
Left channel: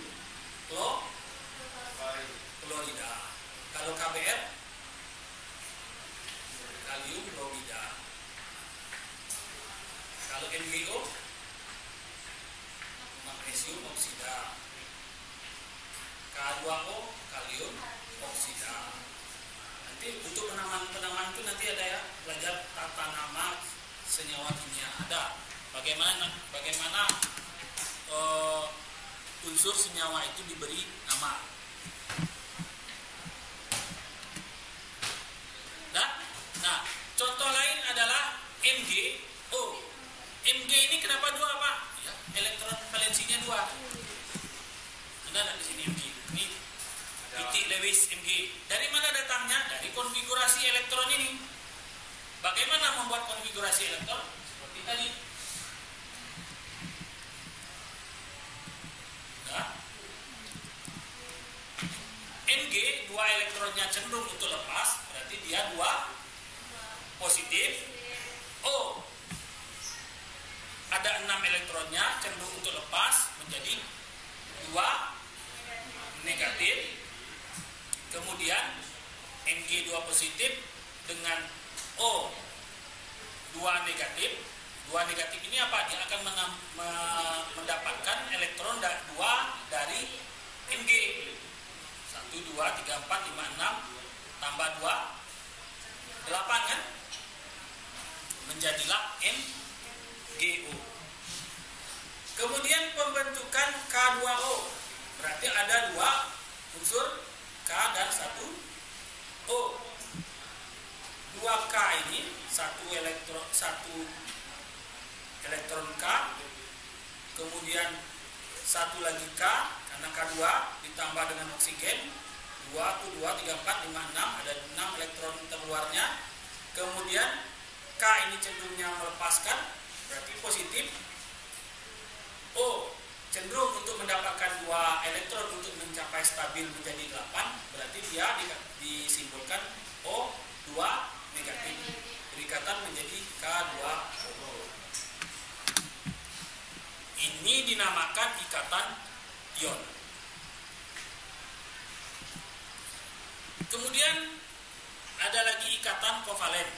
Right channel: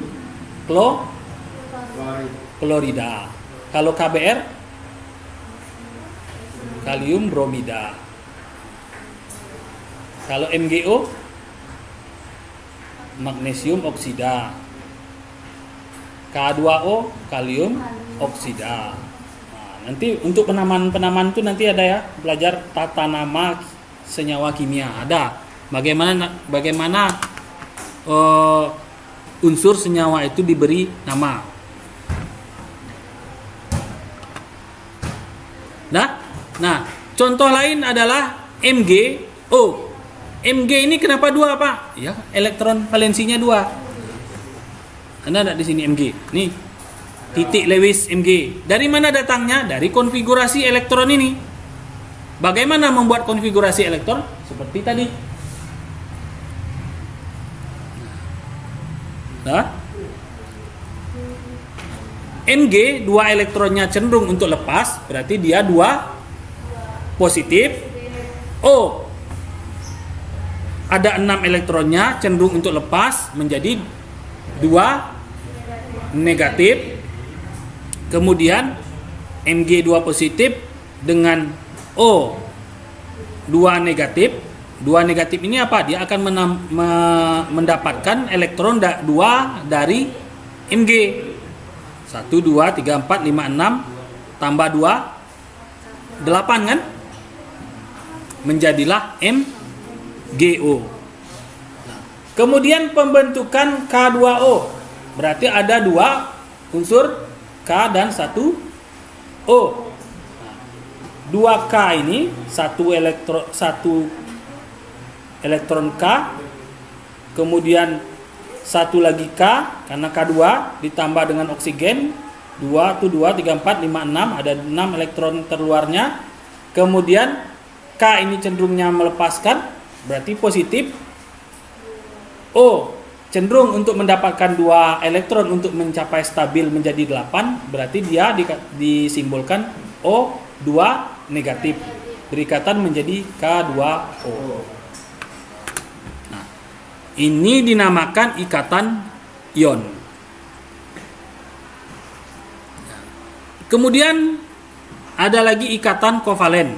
klorida. Kalau KBr, kalium bromida. Kalau MgO, magnesium oksida. K2O, kalium oksida. Nah, nanti untuk penamaan itu nanti ada ya, belajar tata nama senyawa kimia. Ada. Bagaimana unsur senyawa itu diberi nama. Nah, contoh lain adalah MgO. Mg ini kenapa 2, Pak? Ya, elektron valensinya 2. Anda ada di sini Mg. Nih, titik Lewis Mg. Dari mana datangnya? Dari konfigurasi elektron ini. Bagaimana membuat konfigurasi elektron? Seperti tadi. Nah, Mg 2 elektronnya cenderung untuk lepas, berarti dia 2 positif. O ada 6 elektronnya cenderung untuk lepas, menjadi 2 negatif. Kemudian Mg 2 positif dengan O 2 negatif. 2 negatif ini apa? Dia akan mendapatkan elektron 2 dari Mg. 1, 2, 3, 4, 5, 6 tambah 2 8 kan? Menjadilah MgO. Kemudian pembentukan K2O. Berarti ada 2 unsur K dan 1 O. 2K ini 1 elektron K, kemudian 1 lagi K karena K2 ditambah dengan oksigen 2, 2, 3, 4, 5, 6, ada 6 elektron terluarnya. Kemudian K ini cenderungnya melepaskan, berarti positif. O cenderung untuk mendapatkan 2 elektron untuk mencapai stabil menjadi 8, berarti dia disimbolkan O2 negatif, berikatan menjadi K2O. Ini dinamakan ikatan ion. Kemudian ada lagi ikatan kovalen.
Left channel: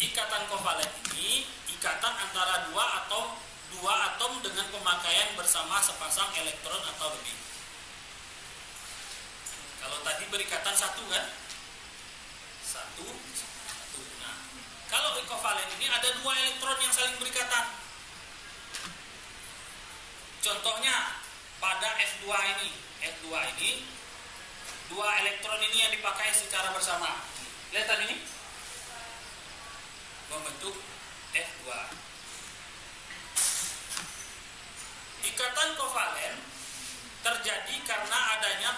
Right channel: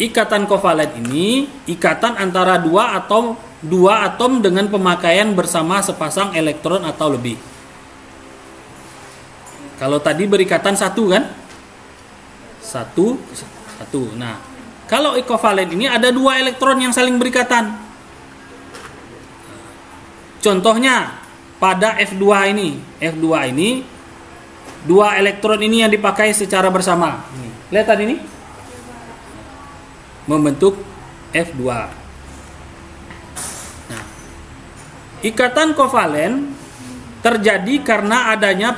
Ikatan kovalen ini ikatan antara dua atom dengan pemakaian bersama sepasang elektron atau lebih. Kalau tadi berikatan satu kan? Satu. Nah, kalau kovalen ini ada dua elektron yang saling berikatan. Contohnya pada F2 ini dua elektron ini yang dipakai secara bersama. Lihat tadi ini membentuk F2. Nah, ikatan kovalen terjadi karena adanya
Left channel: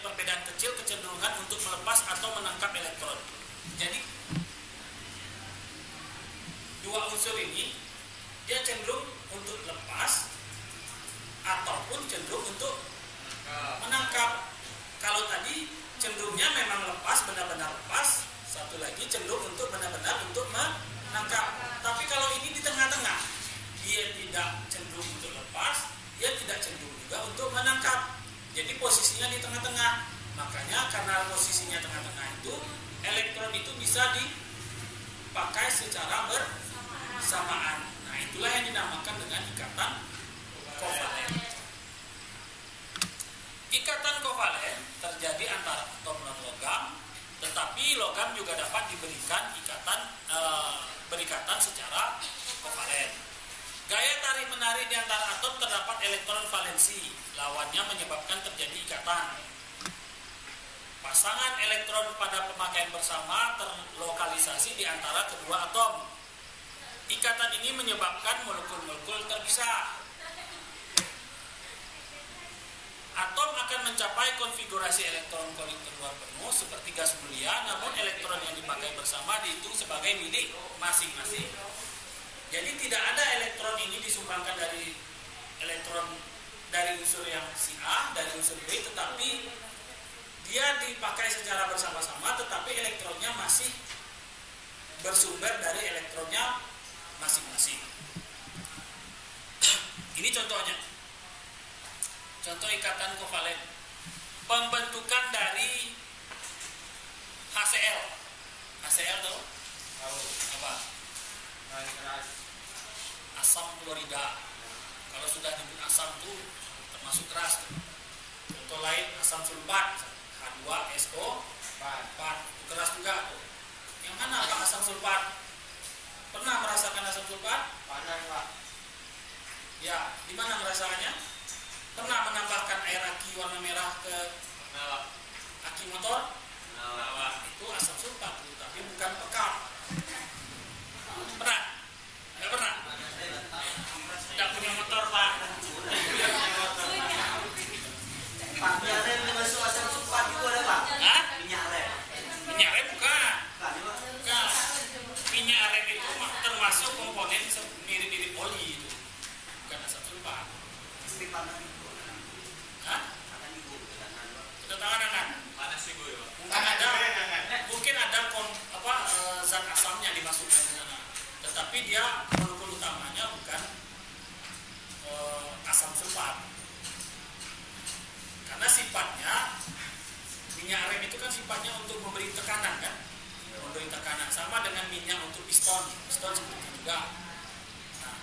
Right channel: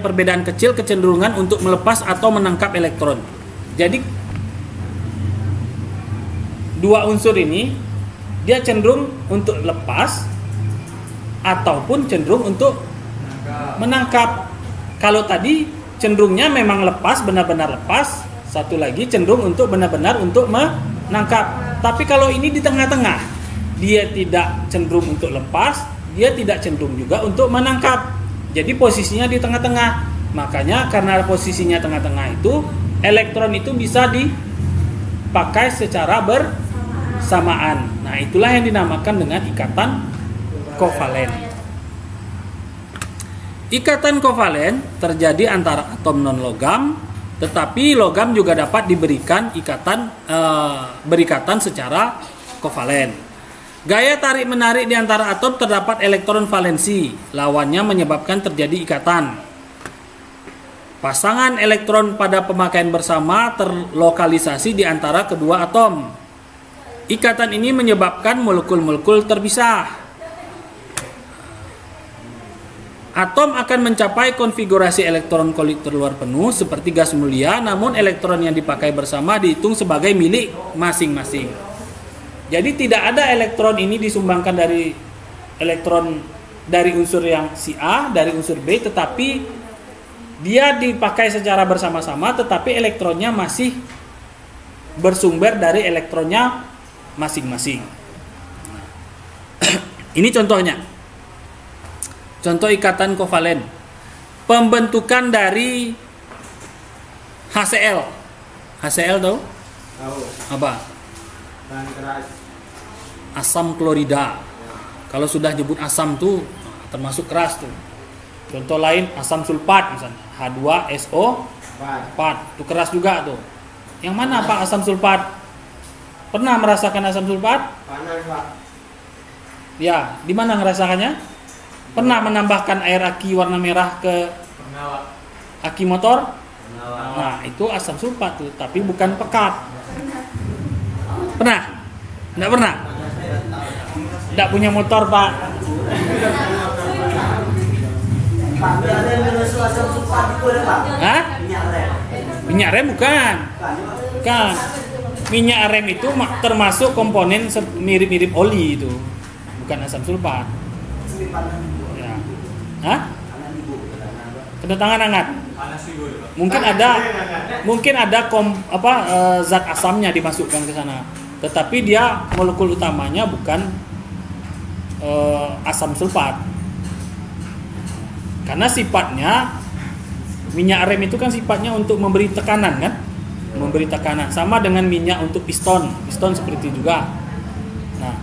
perbedaan kecil kecenderungan untuk melepas atau menangkap elektron. Jadi dua unsur ini dia cenderung untuk lepas ataupun cenderung untuk menangkap. Kalau tadi cenderungnya memang lepas, benar-benar lepas, satu lagi cenderung untuk benar-benar untuk menangkap. Tapi kalau ini di tengah-tengah, dia tidak cenderung untuk lepas, dia tidak cenderung juga untuk menangkap. Jadi posisinya di tengah-tengah. Makanya karena posisinya tengah-tengah itu, elektron itu bisa dipakai secara bersamaan. Nah, itulah yang dinamakan dengan ikatan kovalen. Ikatan kovalen terjadi antara atom non-logam, tetapi logam juga dapat diberikan berikatan secara kovalen. Gaya tarik-menarik di antara atom terdapat elektron valensi, lawannya menyebabkan terjadi ikatan. Pasangan elektron pada pemakaian bersama terlokalisasi di antara kedua atom. Ikatan ini menyebabkan molekul-molekul terpisah. Atom akan mencapai konfigurasi elektron kolik terluar penuh seperti gas mulia, namun elektron yang dipakai bersama dihitung sebagai milik masing-masing. Jadi tidak ada elektron ini disumbangkan dari elektron dari unsur yang si A, dari unsur B, tetapi dia dipakai secara bersama-sama, tetapi elektronnya masih bersumber dari elektronnya masing-masing. Ini contohnya. Contoh ikatan kovalen. Pembentukan dari HCl. HCl tahu? Tahu. Apa? Bahan keras. Asam klorida. Kalau sudah nyebut asam tuh termasuk keras tuh. Contoh lain asam sulfat misalnya, H2SO4. Itu keras juga tuh. Yang mana Pak asam sulfat? Pernah merasakan asam sulfat? Panas, Pak. Ya, di mana ngerasakannya? Pernah menambahkan air aki warna merah ke aki motor? Nah, itu asam sulfat tuh, tapi bukan pekat. Pernah? Enggak pernah? Enggak punya motor, Pak. Hah? Minyak rem bukan. Bukan. Minyak rem itu termasuk komponen mirip-mirip oli itu. Bukan asam sulfat. Ya. Hah? Kena tangan hangat. Mungkin ada zat asamnya dimasukkan ke sana. Tetapi dia molekul utamanya bukan asam sulfat. Karena sifatnya minyak rem itu kan sifatnya untuk memberi tekanan kan? Memberi tekanan sama dengan minyak untuk piston seperti itu juga. Nah,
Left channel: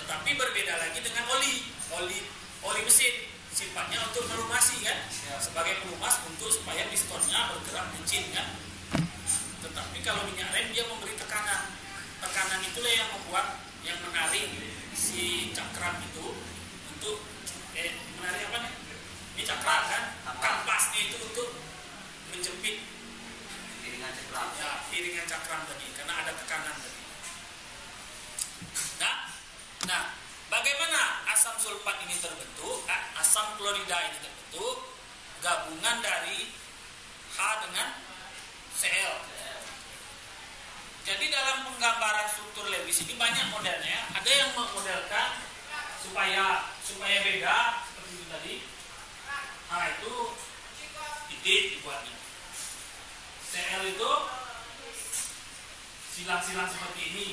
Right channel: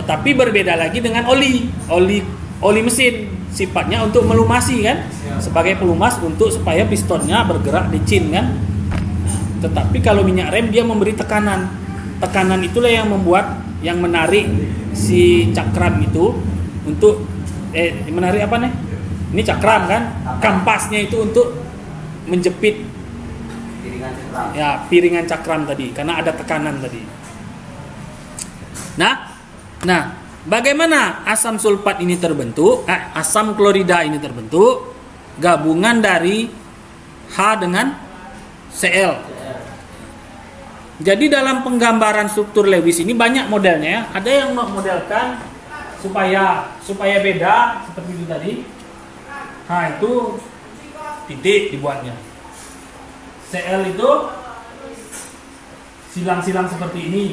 tetapi berbeda lagi dengan oli mesin, sifatnya untuk melumasi kan? Sebagai pelumas untuk supaya pistonnya bergerak licin kan? Tetapi kalau minyak rem dia memberi tekanan. Tekanan itulah yang menarik si cakram itu untuk menarik apa nih? Ini cakram kan? Kampasnya itu untuk menjepit piringan cakram tadi karena ada tekanan tadi. Nah, bagaimana asam sulfat ini terbentuk? Asam klorida ini terbentuk gabungan dari H dengan Cl. Jadi dalam penggambaran struktur Lewis ini banyak modelnya. Ada yang memodelkan supaya beda seperti itu tadi. Nah, itu titik dibuatnya. Cl itu silang-silang seperti ini.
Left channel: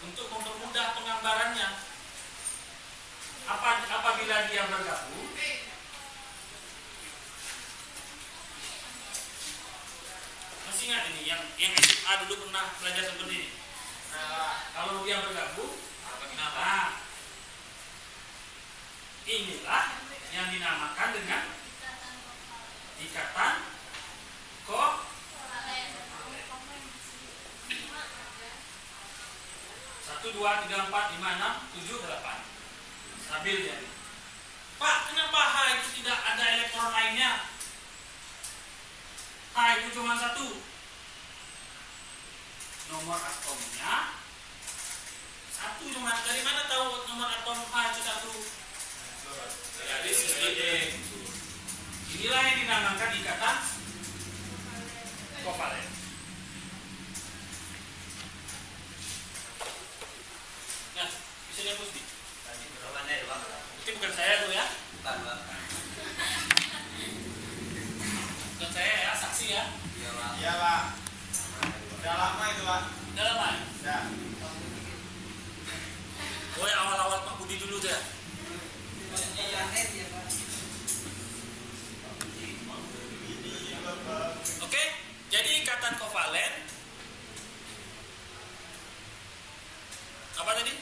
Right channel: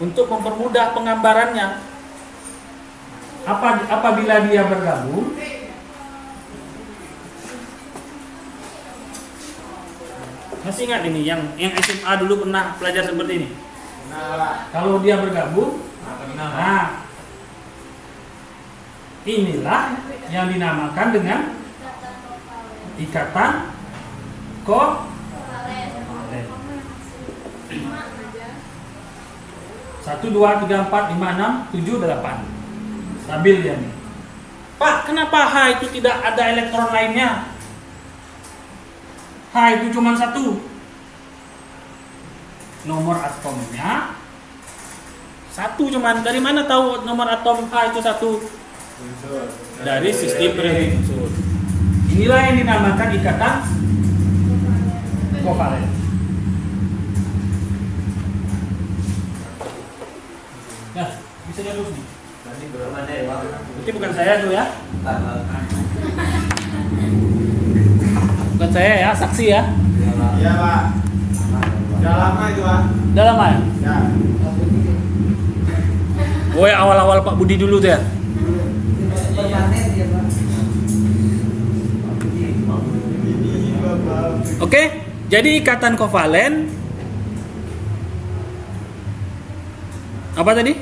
Untuk mempermudah penggambarannya, apabila dia bergabung, masih ingat ini yang SMA dulu pernah belajar seperti ini. Kalau dia bergabung, nah inilah yang dinamakan dengan ikatan kovalen. 1, 2, 3, 4, 5, 6, 7, 8. Stabil dia nih. Pak, kenapa H itu tidak ada elektron lainnya? H itu cuma 1. Nomor atomnya 1 cuman. Dari mana tahu nomor atom H itu 1? Dari sistem periode. Inilah yang dinamakan ikatan kovalen. Nah, bisa jatuh sini. Berarti bukan saya tuh ya. Bukan saya ya, saksi ya. Iya Pak. Udah lama itu Pak. Udah lama ya? Ya. Woy, awal-awal Pak Budi dulu tuh ya. Oke, jadi ikatan kovalen apa tadi?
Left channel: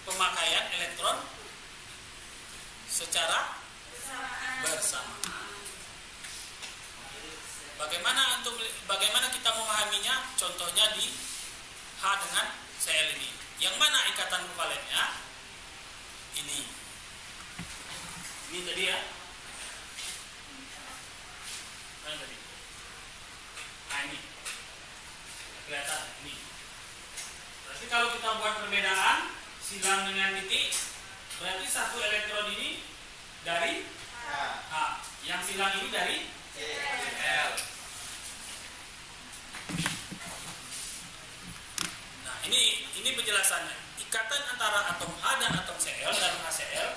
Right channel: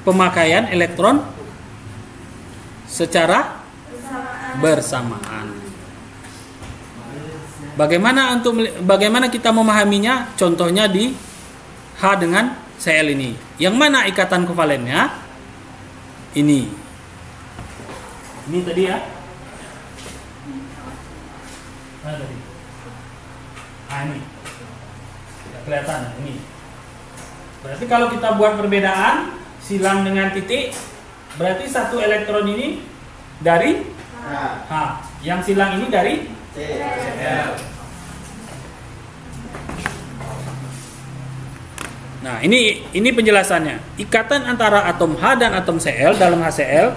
Pemakaian elektron secara bersamaan. Bagaimana kita memahaminya? Contohnya di H dengan Cl ini. Yang mana ikatan kovalennya? Ini tadi ya. Nah tadi. Nah ini. Tidak kelihatan ini. Berarti kalau kita buat perbedaan silang dengan titik, berarti satu elektron ini dari H. Yang silang ini dari Cl. Nah, ini penjelasannya. Ikatan antara atom H dan atom Cl dalam HCl,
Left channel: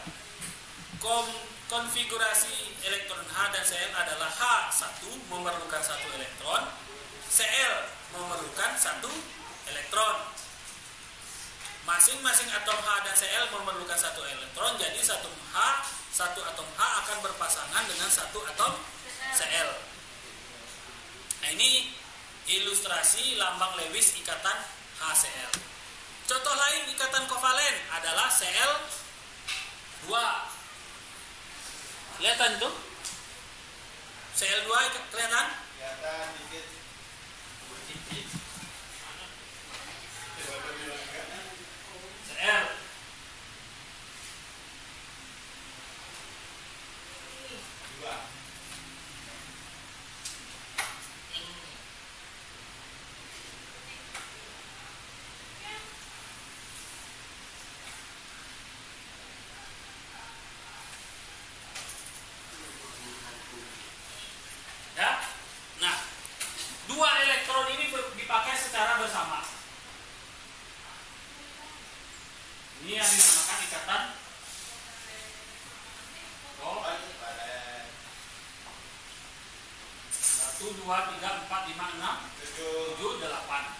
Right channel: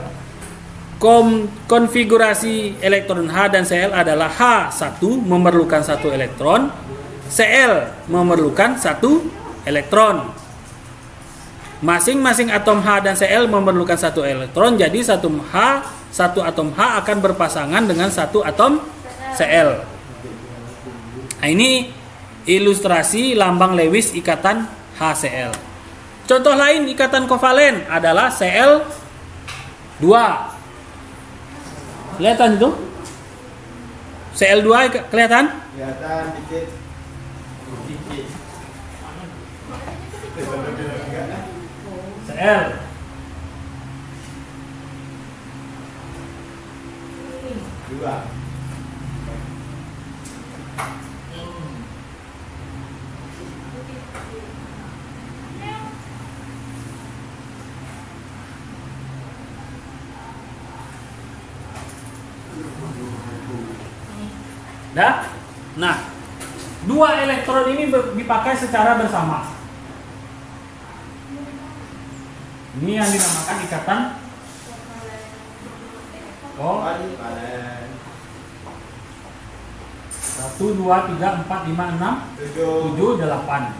konfigurasi elektron H dan Cl adalah H1 memerlukan 1 elektron, Cl memerlukan 1 elektron. Masing-masing atom H dan Cl memerlukan 1 elektron, jadi satu atom H akan berpasangan dengan 1 atom Cl. Nah, ini ilustrasi lambang Lewis ikatan HCl. Contoh lain ikatan kovalen adalah Cl2. Kelihatan itu? Cl2 kelihatan? Kelihatan dikit. Cl. Dua. Dah? Nah, 2 elektron ini dipakai secara bersama. Ini yang dinamakan ikatan kovalen. 1, 2, 3, 4, 5, 6, 7, 8.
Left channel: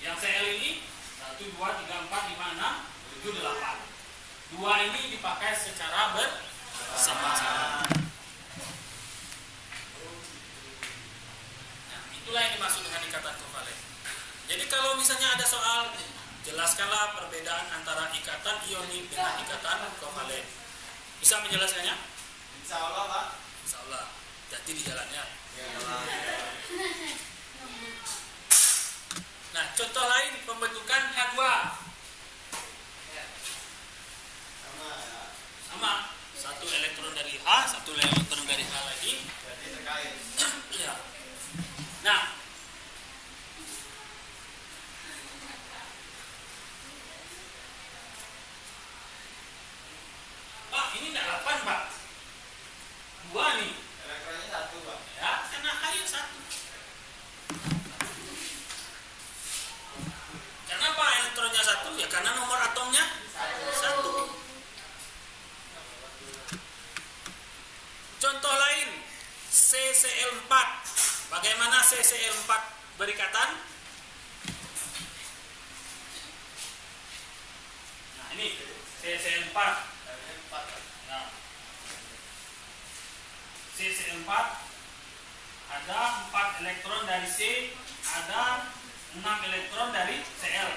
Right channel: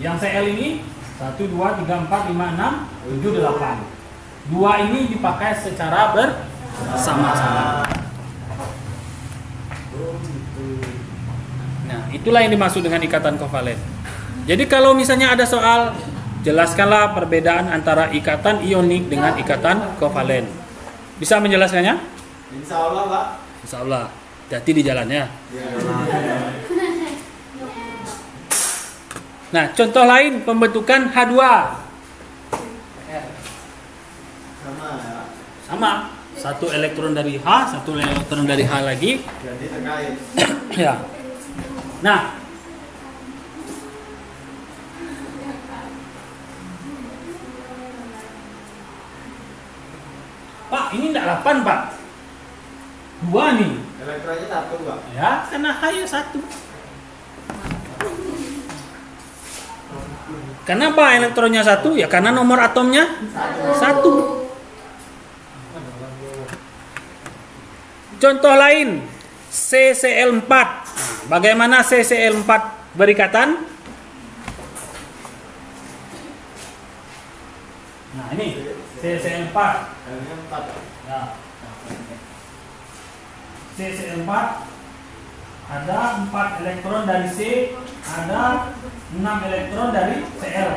Yang Cl ini 1, 2, 3, 4, 5, 6, 7, 8. 2 ini dipakai secara bersama-sama. Nah, itulah yang dimaksud dengan ikatan kovalen. Jadi kalau misalnya ada soal, jelaskanlah perbedaan antara ikatan ionik dengan ikatan kovalen. Bisa menjelaskannya? Insya Allah Pak. Insya Allah. Hati di jalannya. Nah, contoh lain pembentukan H2. Sama. 1 elektron dari H, 1 elektron dari H lagi. Jadi terkait. Ya. Nah, Pak, ini tidak 8 Pak, 2 nih. Elektronnya 1 Pak. Ya, karena H ya 1. Kenapa elektronnya 1? Ya karena nomor atomnya 1. Contoh lain, CCl4. Nah, bagaimana CCl4 berikatan? Nah, ini CCl4. Nah, CCl4 ada 4 elektron dari C, ada 6 elektron dari Cl.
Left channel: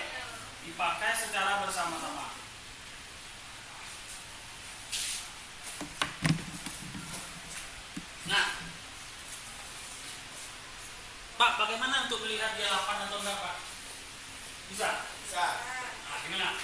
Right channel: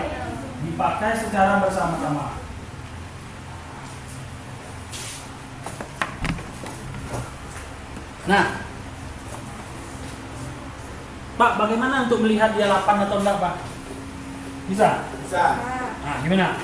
Dipakai secara bersama-sama. Nah, Pak, bagaimana untuk melihat dia 8 atau enggak, Pak? Bisa? Bisa. Nah, gimana?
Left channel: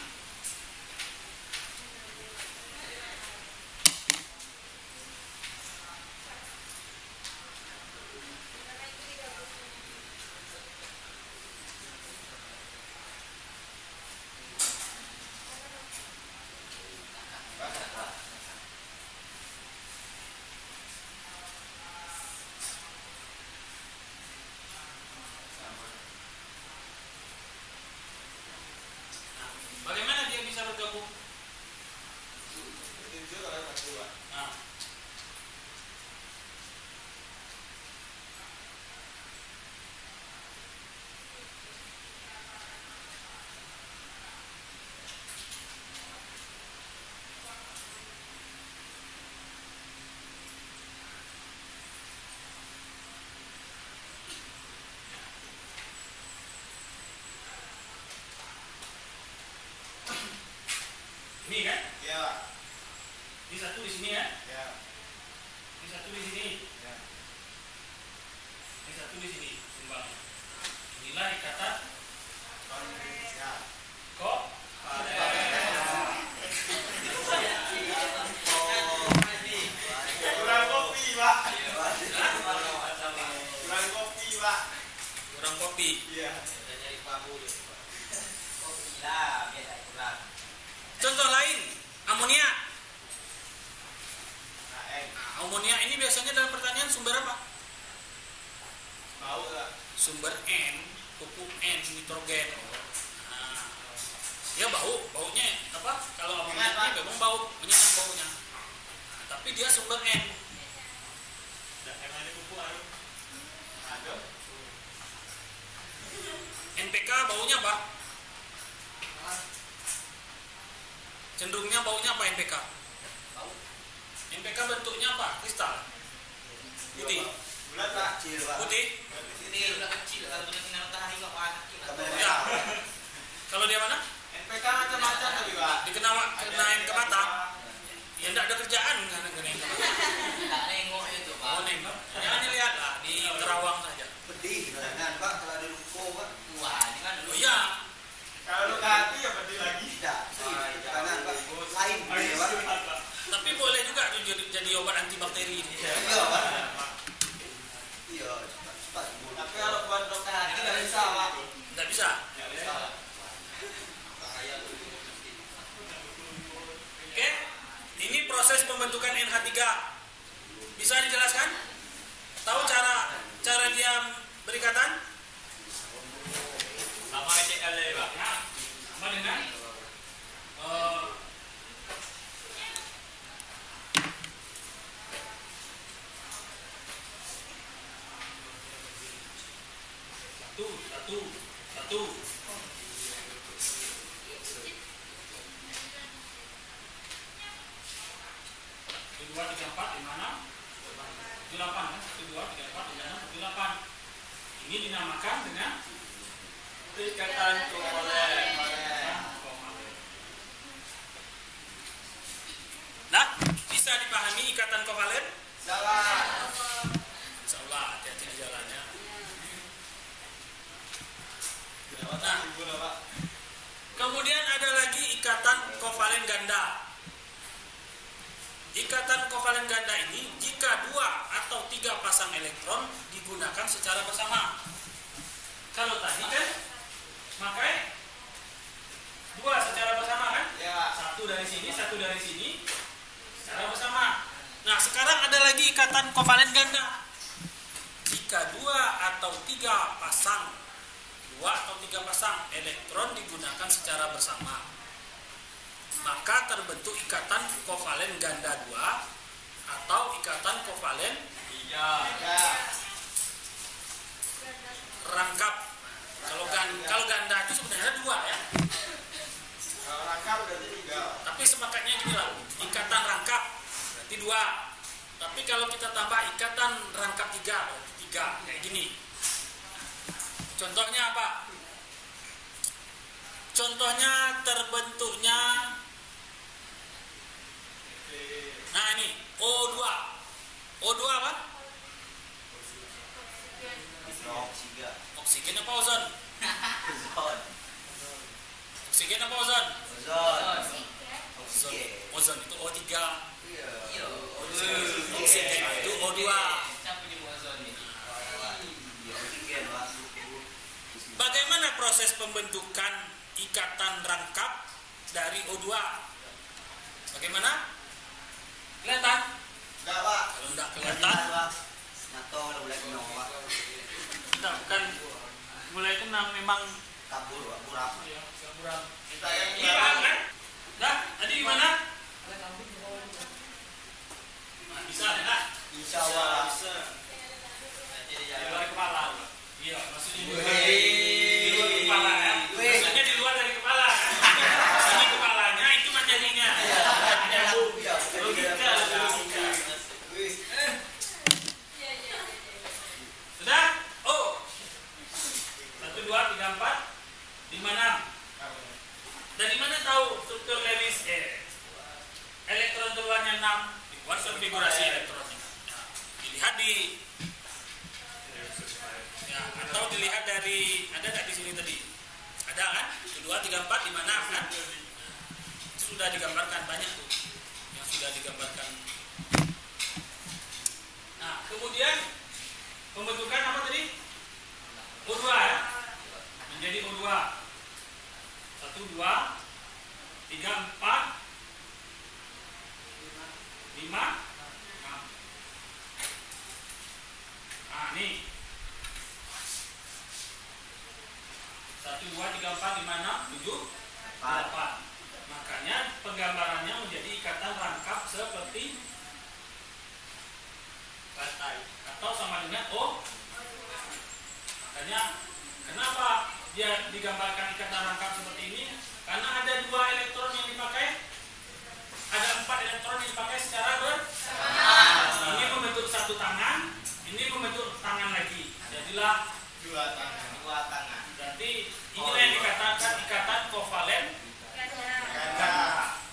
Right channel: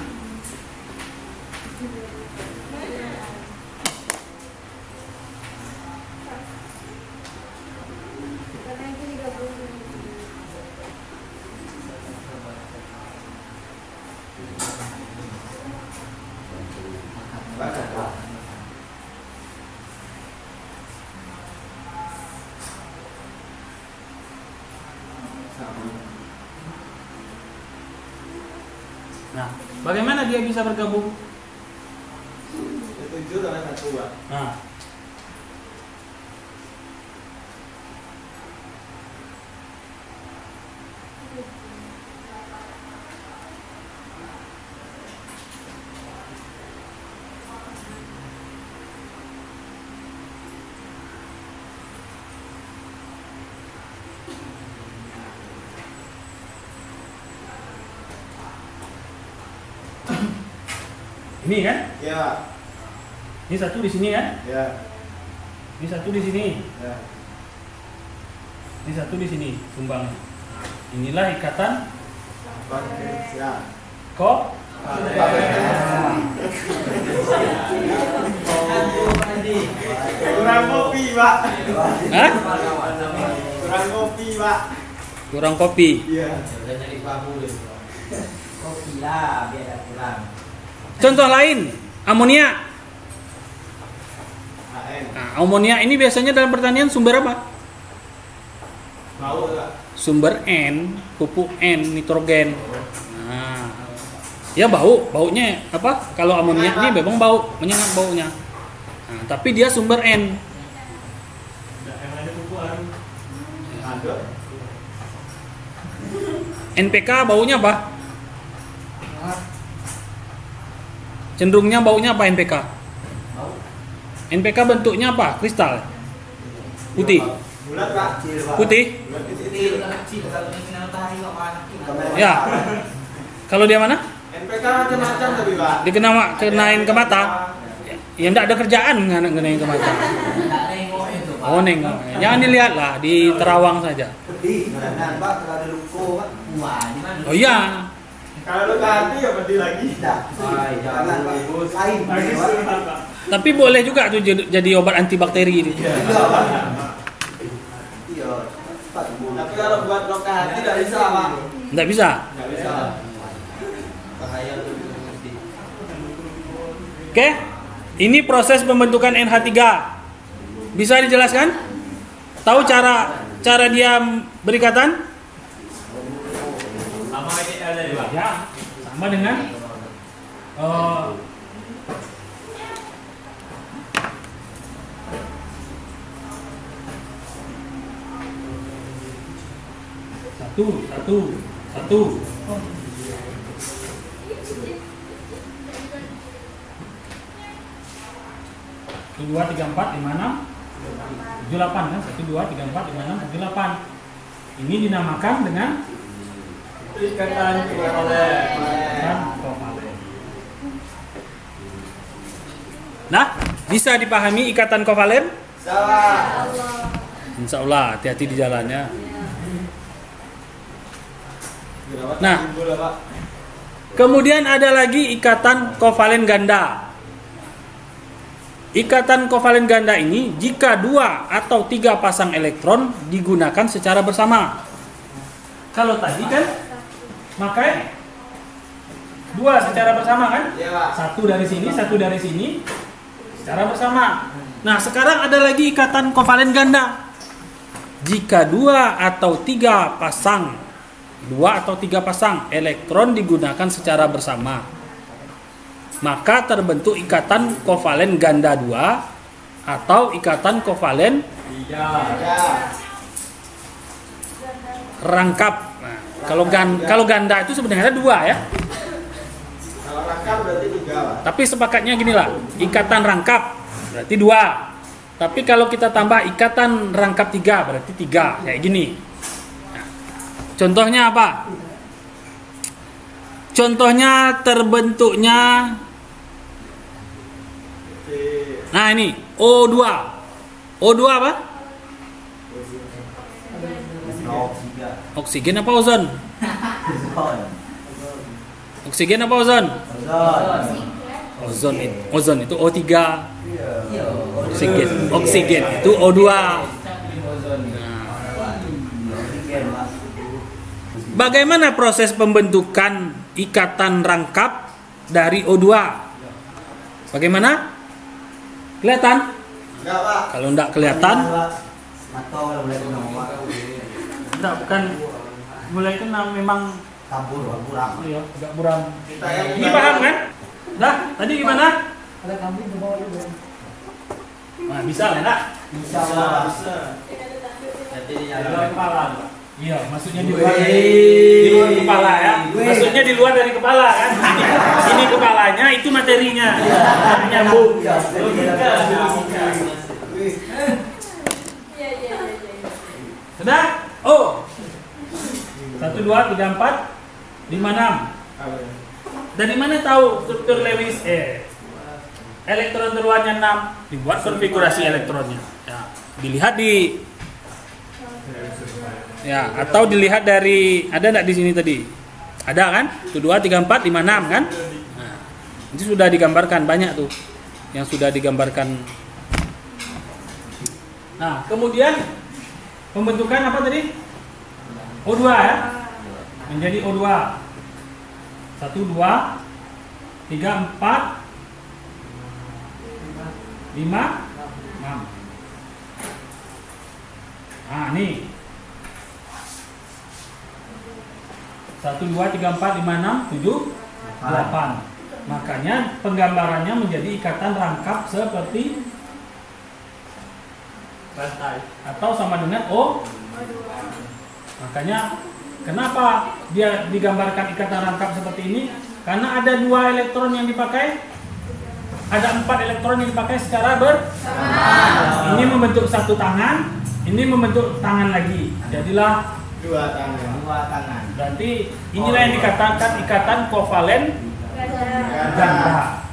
Nah, bagaimana dia bisa bergabung? Tujuh dengan satu, Pak. Nah, ini kan? Iya, Pak. Ini satu di sini kan? Ya. Ini satu di sini. Ya. Ini satu di sini tumbangnya. Inilah ikatan Ya. kok. Kurang kopi, Pak. Hah? Kurang kopi, Pak. Kurang kopi. Iya. Kopi lah, biar kurang. Contoh lain, amonia. HN. Nah, amonia ini biasanya dalam pertanian sumber apa? Bau, Pak. Sumber N, pupuk N, nitrogen. Nah, ya baunya apa? Kalau amonia ini memang bau, menyengat baunya. Nah, tapi dia sumber N. Ada. NPK baunya apa? Cenderungnya baunya apa NPK? NPK bentuknya apa? Kristal. Putih. Bulat, Pak. Putih. Bulat Ini udah kecil, kalau kena matahari kok panas. Ya. Kalau dia mana? NPK macam-macam tapi, Pak. Kenain ke mata. Ya enggak ada kerjaan ngenain ke mata. Nggak nengok itu, Pak. Oh nengok. Jangan dilihat lah di Terawang saja. Pedih, jangan Pak, kalau ada luko Pak. Wah, di mana? Oh iya. Kalau lu ganti ya pedih lagi. Tidak, jangan Pak. Lain. Pak. Tapi boleh juga tuh jadi obat antibakteri ini. Iya Pak. Iya, cepat. Tapi kalau buat luka hati tidak bisa, Pak. Enggak bisa. Tidak bisa. Bahaya tuh. Oke. Ini proses pembentukan NH3. Bisa dijelaskan? Tahu cara dia berikatan? Sama kayak tadi, Pak. Ya, sama dengan satu. 1, 2, 3, 4, 5, 6, 7, 8 kan? 1, 2, 3, 4, 5, 6, 7, 8. Ini dinamakan dengan Ikatan kovalen. kovalen. Nah, bisa dipahami ikatan kovalen? Salah. Insya Allah, hati-hati di jalannya. Nah, kemudian ada lagi ikatan kovalen ganda. Ikatan kovalen ganda ini jika 2 atau 3 pasang elektron digunakan secara bersama. Kalau tadi kan pakai 2 secara bersama kan? Iya, Pak. Satu dari sini, satu dari sini secara bersama. Nah, sekarang ada lagi ikatan kovalen ganda. Jika 2 atau 3 pasang elektron digunakan secara bersama, maka terbentuk ikatan kovalen ganda 2 atau ikatan kovalen rangkap. Nah, kalau ganda itu sebenarnya ada 2 ya. Kalau rangkap berarti 3. Tapi sepakatnya gini lah, ikatan rangkap berarti 2. Tapi kalau kita tambah ikatan rangkap 3 berarti 3, kayak gini. Nah, contohnya apa? Contohnya terbentuknya, nah ini O2. O2 apa? Oksigen apa ozon? Oksigen apa ozon? Ozon itu O3. Oksigen itu O2. Bagaimana proses pembentukan ikatan rangkap dari O2? Bagaimana? Kelihatan? Enggak, Pak. Kalau enggak kelihatan, enggak, bukan mulai kena, memang iya, agak buram. Ini paham kan? Dah, tadi gimana? Nah, bisa lah, enggak? Bisa. Jadi Di luar kepala. Iya, maksudnya di luar kepala ya. Maksudnya di luar dari kepala kan. Ini kepalanya, itu materinya. Nyambung. Sudah? Oh. 1, 2, 3, 4, 5, 6. Dari mana tahu struktur Lewis? Elektron terluarnya 6. Dibuat konfigurasi elektronnya. Ya, dilihat di atau dilihat dari, ada enggak di sini tadi? Ada kan? 1, 2, 3, 4, 5, 6 kan? Nah, itu sudah digambarkan, banyak tuh yang sudah digambarkan. Nah, kemudian pembentukan apa tadi? O2 ya. Menjadi O2. 1, 2, 3, 4, 5, 6. Nah, ini 1, 2, 3, 4, 5, 6, 7, 8. Makanya penggambarannya menjadi ikatan rangkap seperti rantai atau sama dengan O. Makanya kenapa dia digambarkan ikatan rangkap seperti ini? Karena ada 2 elektron yang dipakai, ada 4 elektron yang dipakai secara bersamaan. Ini membentuk satu tangan, ini membentuk tangan lagi. Jadilah 2 tangan. Berarti inilah yang dikatakan ikatan kovalen ganda.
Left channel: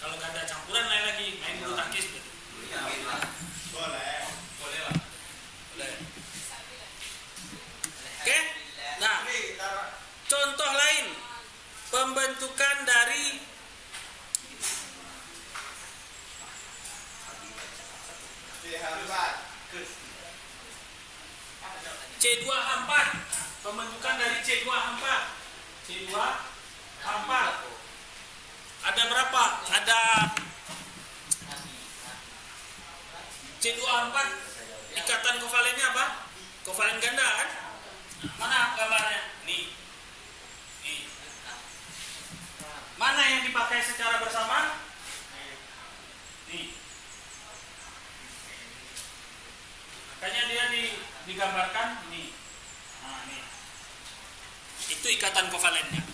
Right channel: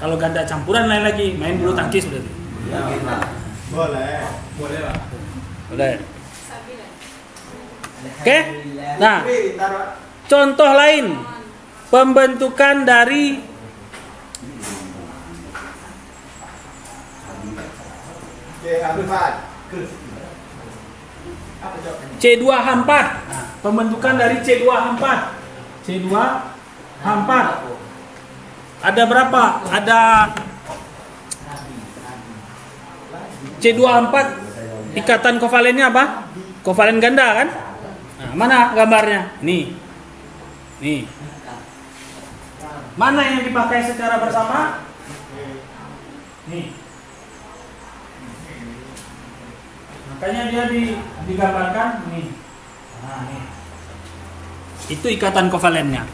Kalau ganda campuran lain lagi, main bulu tangkis berarti. Boleh. boleh Pak. Boleh. Oke. Nah, Tapi, ntar, Pak. contoh lain pembentukan dari Oke, ambil Pak. C2H4. Nah, pembentukan dari C2H4. C2H4. Ada berapa? Ada C2H4. Ikatan kovalennya apa? Kovalen ganda kan? Nah, mana gambarnya? Nih. Nih. Mana yang dipakai secara bersama? Nih. Makanya dia digambarkan nih. Nah, nih. Itu ikatan kovalennya.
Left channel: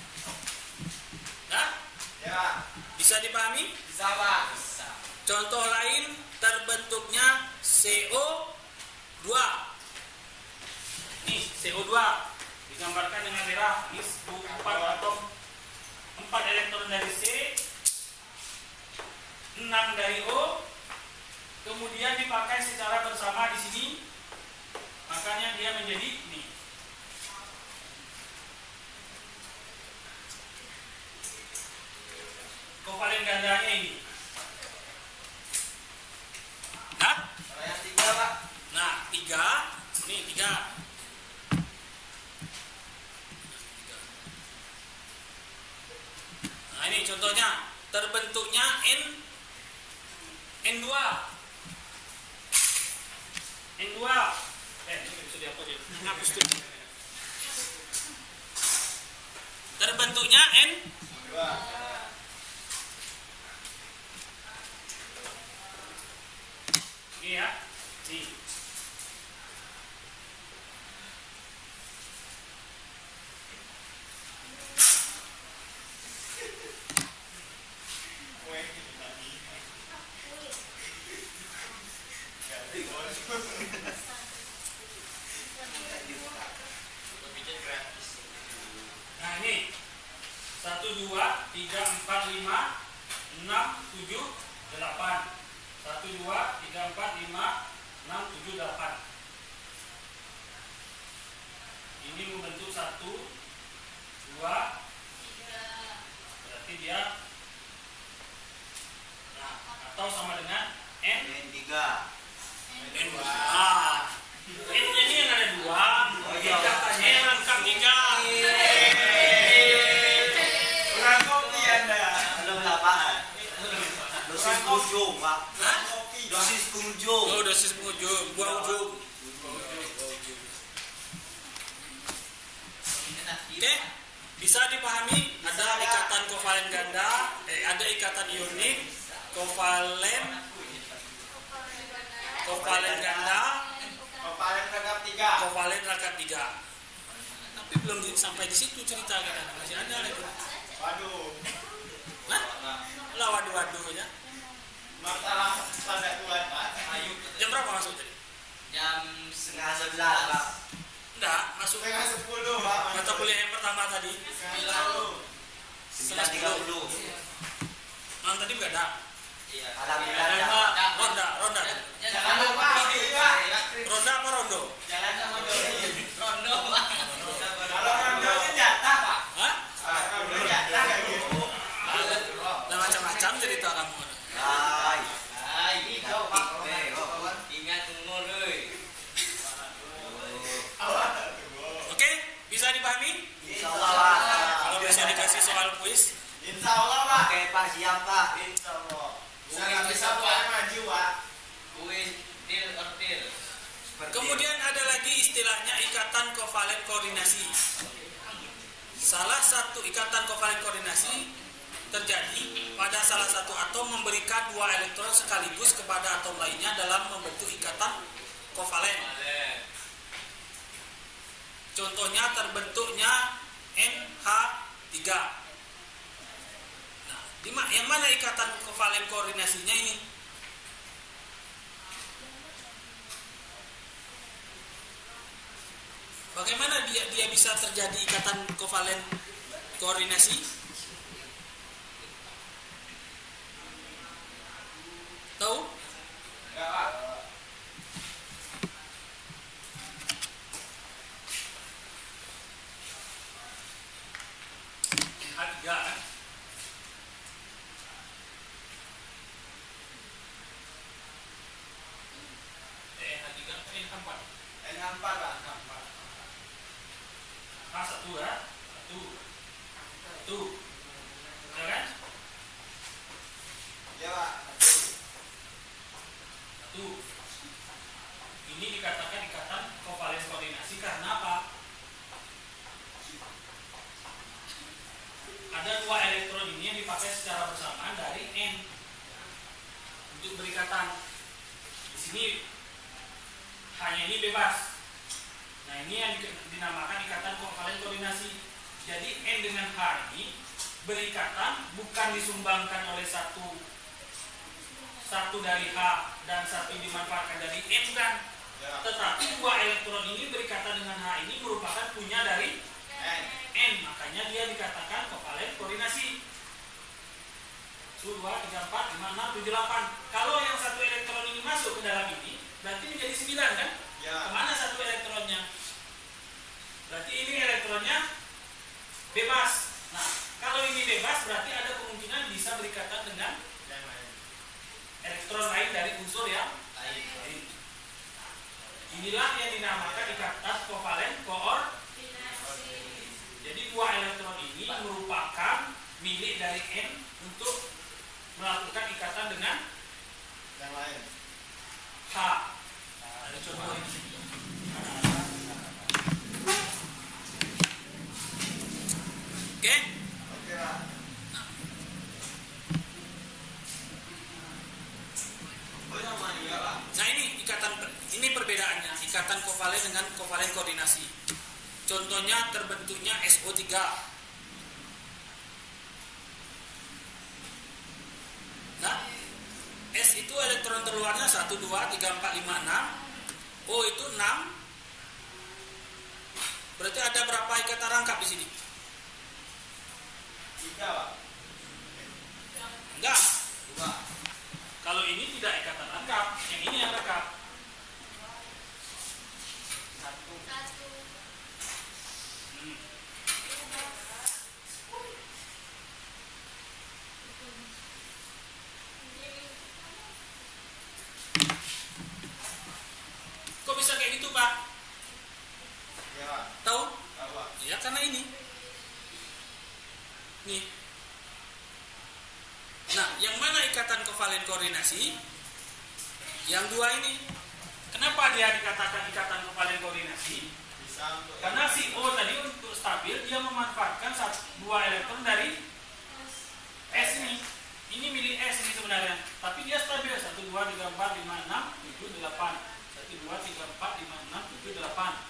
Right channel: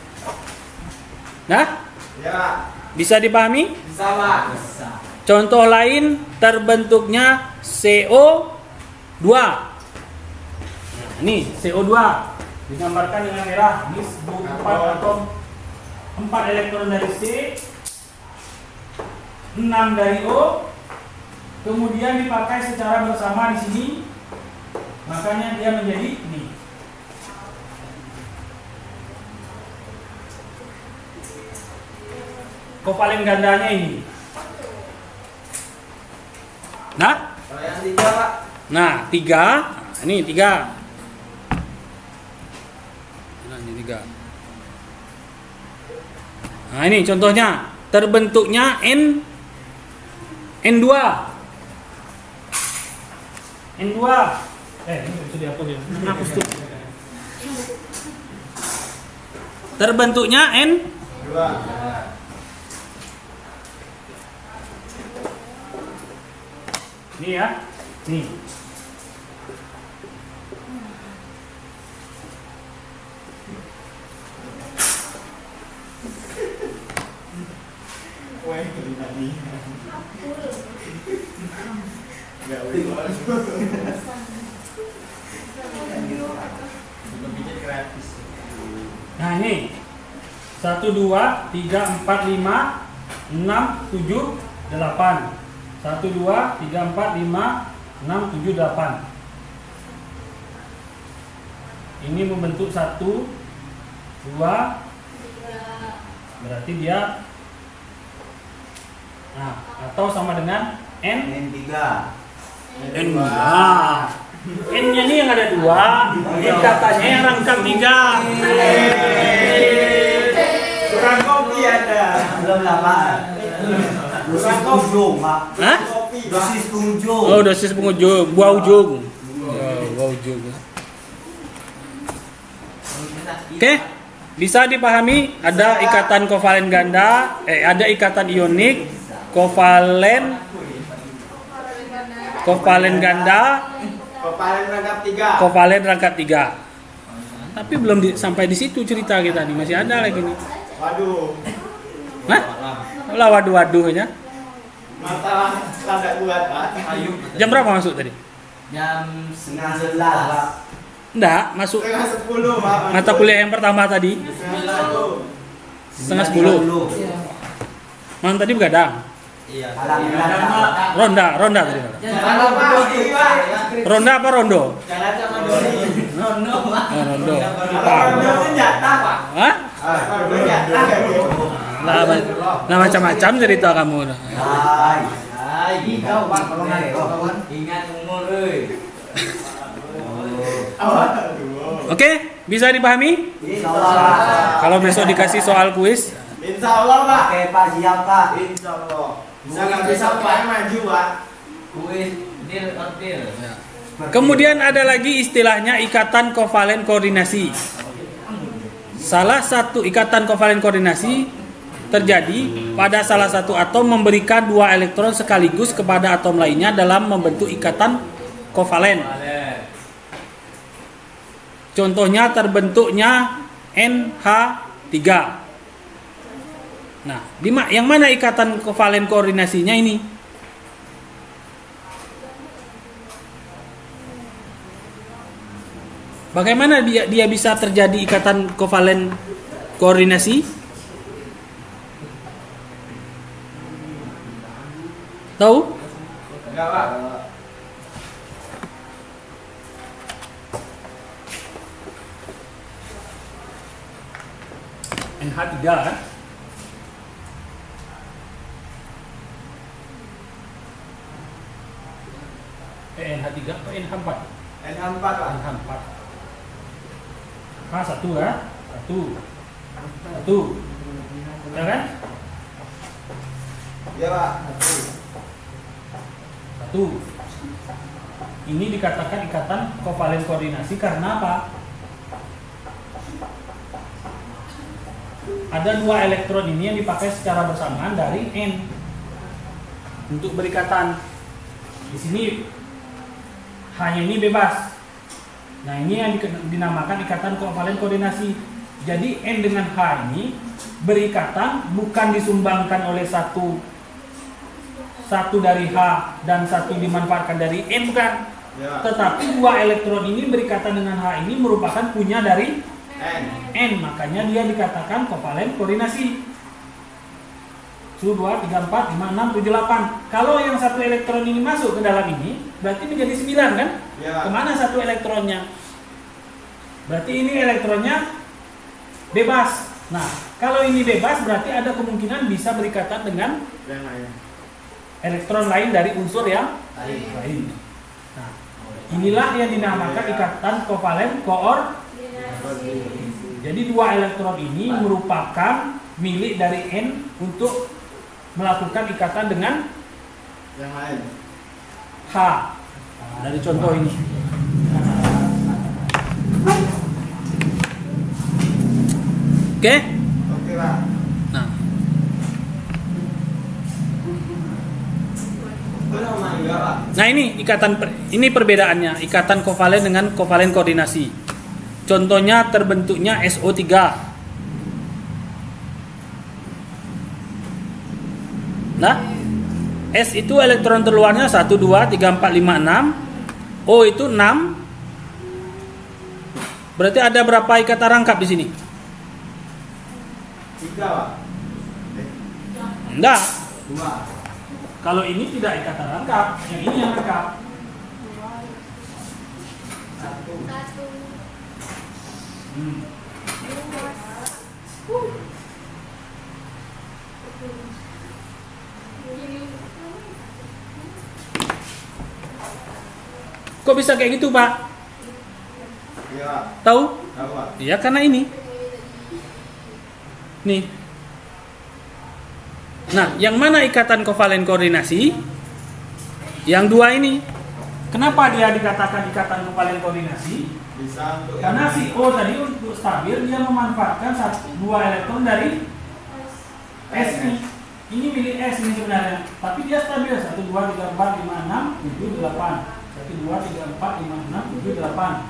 Nah, Ya. bisa dipahami? Bisa, Pak. Contoh lain terbentuknya CO2. Nah, ini CO2 digambarkan dengan merah. Ini 4 atom, 4 elektron dari C, 6 dari O. Kemudian dipakai secara bersama di sini. Makanya dia menjadi ini. Kovalen gandanya ini. Nah, Kalau yang 3, Pak. nah 3. Ini 3. Nah, ini 3. Nah, ini contohnya terbentuknya N2. N2. Ini sudah dihapus ya. Hapus tuh. Terbentuknya N2. Ini ya. Nih. Nah ini 1, 2, 3, 4, 5, 6, 7, 8. 1, 2, 3, 4, 5, 6, 7, 8. Ini membentuk 1, 2, berarti dia atau sama dengan N3. N. N-nya ini yang ada 2, ikatannya yang rangkap 3. Kurang kopi ada. Belum lama. Dosis pengunjung, Pak. Hah? Dosis pengunjung. Oh, dosis pengunjung, buah ujung. Buah ujung. Oke, bisa dipahami ada ikatan kovalen ganda, ada ikatan ionik, kovalen ganda, kovalen rangkap 3. Tapi belum sampai di situ cerita kita nih, masih ada lagi nih. Waduh. Hah? Lah waduh ya. Masalah tanda buat, Pak. Jam berapa masuk tadi? Jam Setengah 11, Pak. Enggak, masuk Setengah 10, Pak. mata kuliah yang pertama tadi. Setengah 10. Malam tadi begadang. Iya. Ronda tadi. Jalan pagi, Pak. Ronda apa rondo? Jalan sama Doni. Rondo, Pak. Oh, rondo. Kalau nyata, Pak. Hah? Kalau nyata Nah macam-macam cerita kamu. Hai. Kau Pak, kalau ingat umur euy. Oke, bisa dipahami? Insyaallah. Kalau besok dikasih soal kuis, Insyaallah, Pak. Oke, Pak, siap, Pak. Insyaallah. Bisa nggak bisa Pak maju, Pak. Kuis deal or deal. kemudian ada lagi istilahnya ikatan kovalen koordinasi. Salah satu ikatan kovalen koordinasi terjadi pada salah satu atom memberikan 2 elektron sekaligus kepada atom lainnya dalam membentuk ikatan kovalen. Contohnya terbentuknya NH3. Nah, yang mana ikatan kovalen koordinasinya ini? Bagaimana dia bisa terjadi ikatan kovalen koordinasi? Tahu? Enggak, Pak. NH3 kan? NH3 atau NH4? NH4, Pak. NH4. H1 ya? Satu. Ya kan? Iya, Pak. Satu. Ini dikatakan ikatan kovalen koordinasi karena apa? Ada 2 elektron ini yang dipakai secara bersamaan dari N untuk berikatan. Di sini hanya ini bebas. Nah, ini yang dinamakan ikatan kovalen koordinasi. Jadi N dengan H ini berikatan bukan disumbangkan oleh satu dari H dan satu dimanfaatkan dari N, bukan. Ya. Tetapi 2 elektron ini berikatan dengan H ini merupakan punya dari N, makanya dia dikatakan kovalen koordinasi. 1, 2, 3, 4, 5, 6, 7, 8. Kalau yang satu elektron ini masuk ke dalam ini, berarti menjadi 9 kan? Ya. Kemana satu elektronnya? Berarti ini elektronnya bebas. Nah, kalau ini bebas berarti ada kemungkinan bisa berikatan dengan Yang lain. elektron lain dari unsur yang lain. Nah, inilah yang dinamakan ikatan kovalen koordinasi. Jadi 2 elektron ini merupakan milik dari N untuk melakukan ikatan dengan Yang lain. H. Dari contoh ini. Oke? Oke, Pak. Nah, Itu nama enggak, Pak? nah Nah ini ini perbedaannya ikatan kovalen dengan kovalen koordinasi. Contohnya terbentuknya SO3. Nah, S itu elektron terluarnya 1, 2, 3, 4, 5, 6. O itu 6. Berarti ada berapa ikatan rangkap di sini? 3, Pak. Enggak. 2. Kalau ini tidak ikatan rangkap, yang ini yang rangkap. Kok bisa kayak gitu, Pak? Iya. Tahu? Tahu, Pak. Iya, karena ini. Nih. Nah, yang mana ikatan kovalen koordinasi? Yang dua ini. Kenapa dia dikatakan ikatan kovalen koordinasi? Bisa untuk Karena si O tadi untuk stabil dia memanfaatkan 2 elektron dari S ini. Ini milik S ini sebenarnya. Tapi dia stabil 1, 2, 3, 4, 5, 6, 7, 8. 1, 2, 3, 4, 5, 6, 7, 8.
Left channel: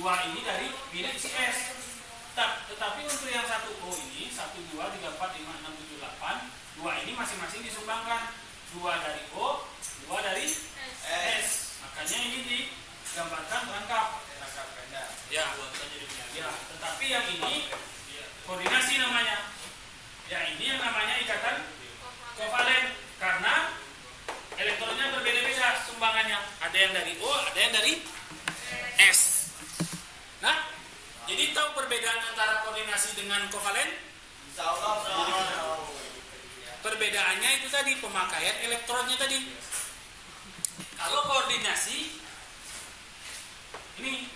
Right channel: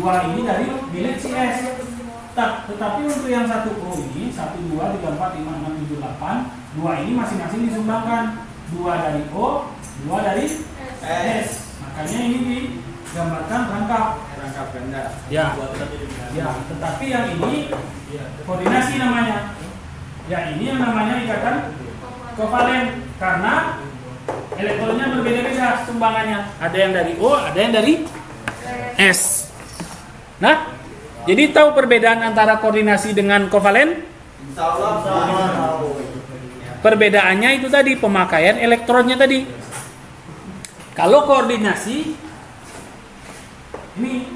2 ini dari milik si S. Tetapi untuk yang 1O ini 1, 2, 3, 4, 5, 6, 7, 8. 2 ini masing-masing disumbangkan. 2 dari O, 2 dari S. Makanya ini digambarkan rangkap ganda. Ya. Ya, tetapi yang ini koordinasi namanya. Ya, ini yang namanya ikatan kovalen karena elektronnya berbeda-beda sumbangannya. Ada yang dari O, ada yang dari S. Nah, jadi tahu perbedaan antara koordinasi dengan kovalen? Insyaallah. Perbedaannya itu tadi pemakaian elektronnya tadi. Kalau koordinasi ini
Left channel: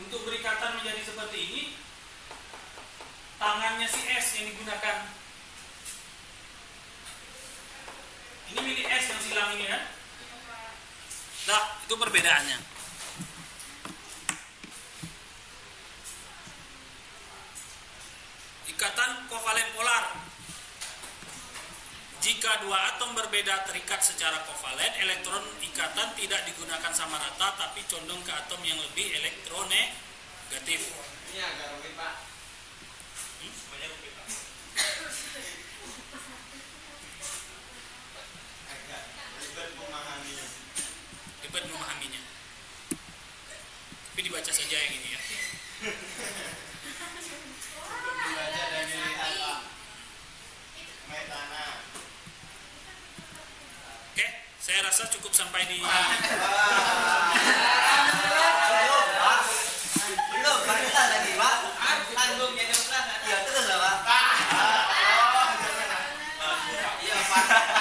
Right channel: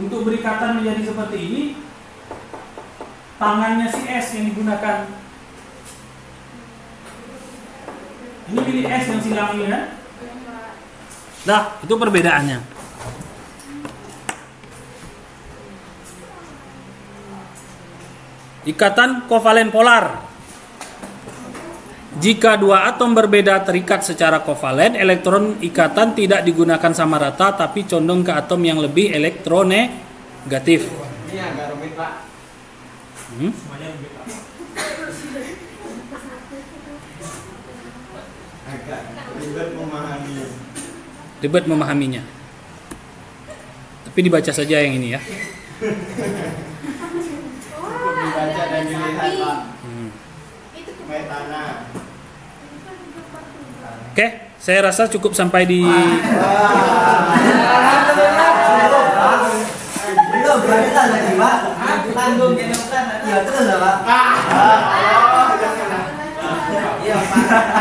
untuk berikatan menjadi seperti ini, tangannya si S yang digunakan. Ini milik S yang silang ini kan? Nah, itu perbedaannya. Ikatan kovalen polar. Jika dua atom berbeda terikat secara kovalen, elektron ikatan tidak digunakan sama rata tapi condong ke atom yang lebih elektronegatif. Ini agak rumit, Pak. Agak ribet memahaminya. Ribet memahaminya. Tapi dibaca saja yang ini ya. Cukup dibaca dan dilihat, Pak. Metana. Oke, saya rasa cukup sampai di Belum, berarti lagi, Pak. Tanggung genoplas. Iya, terus lah, Pak. Iya, Pak.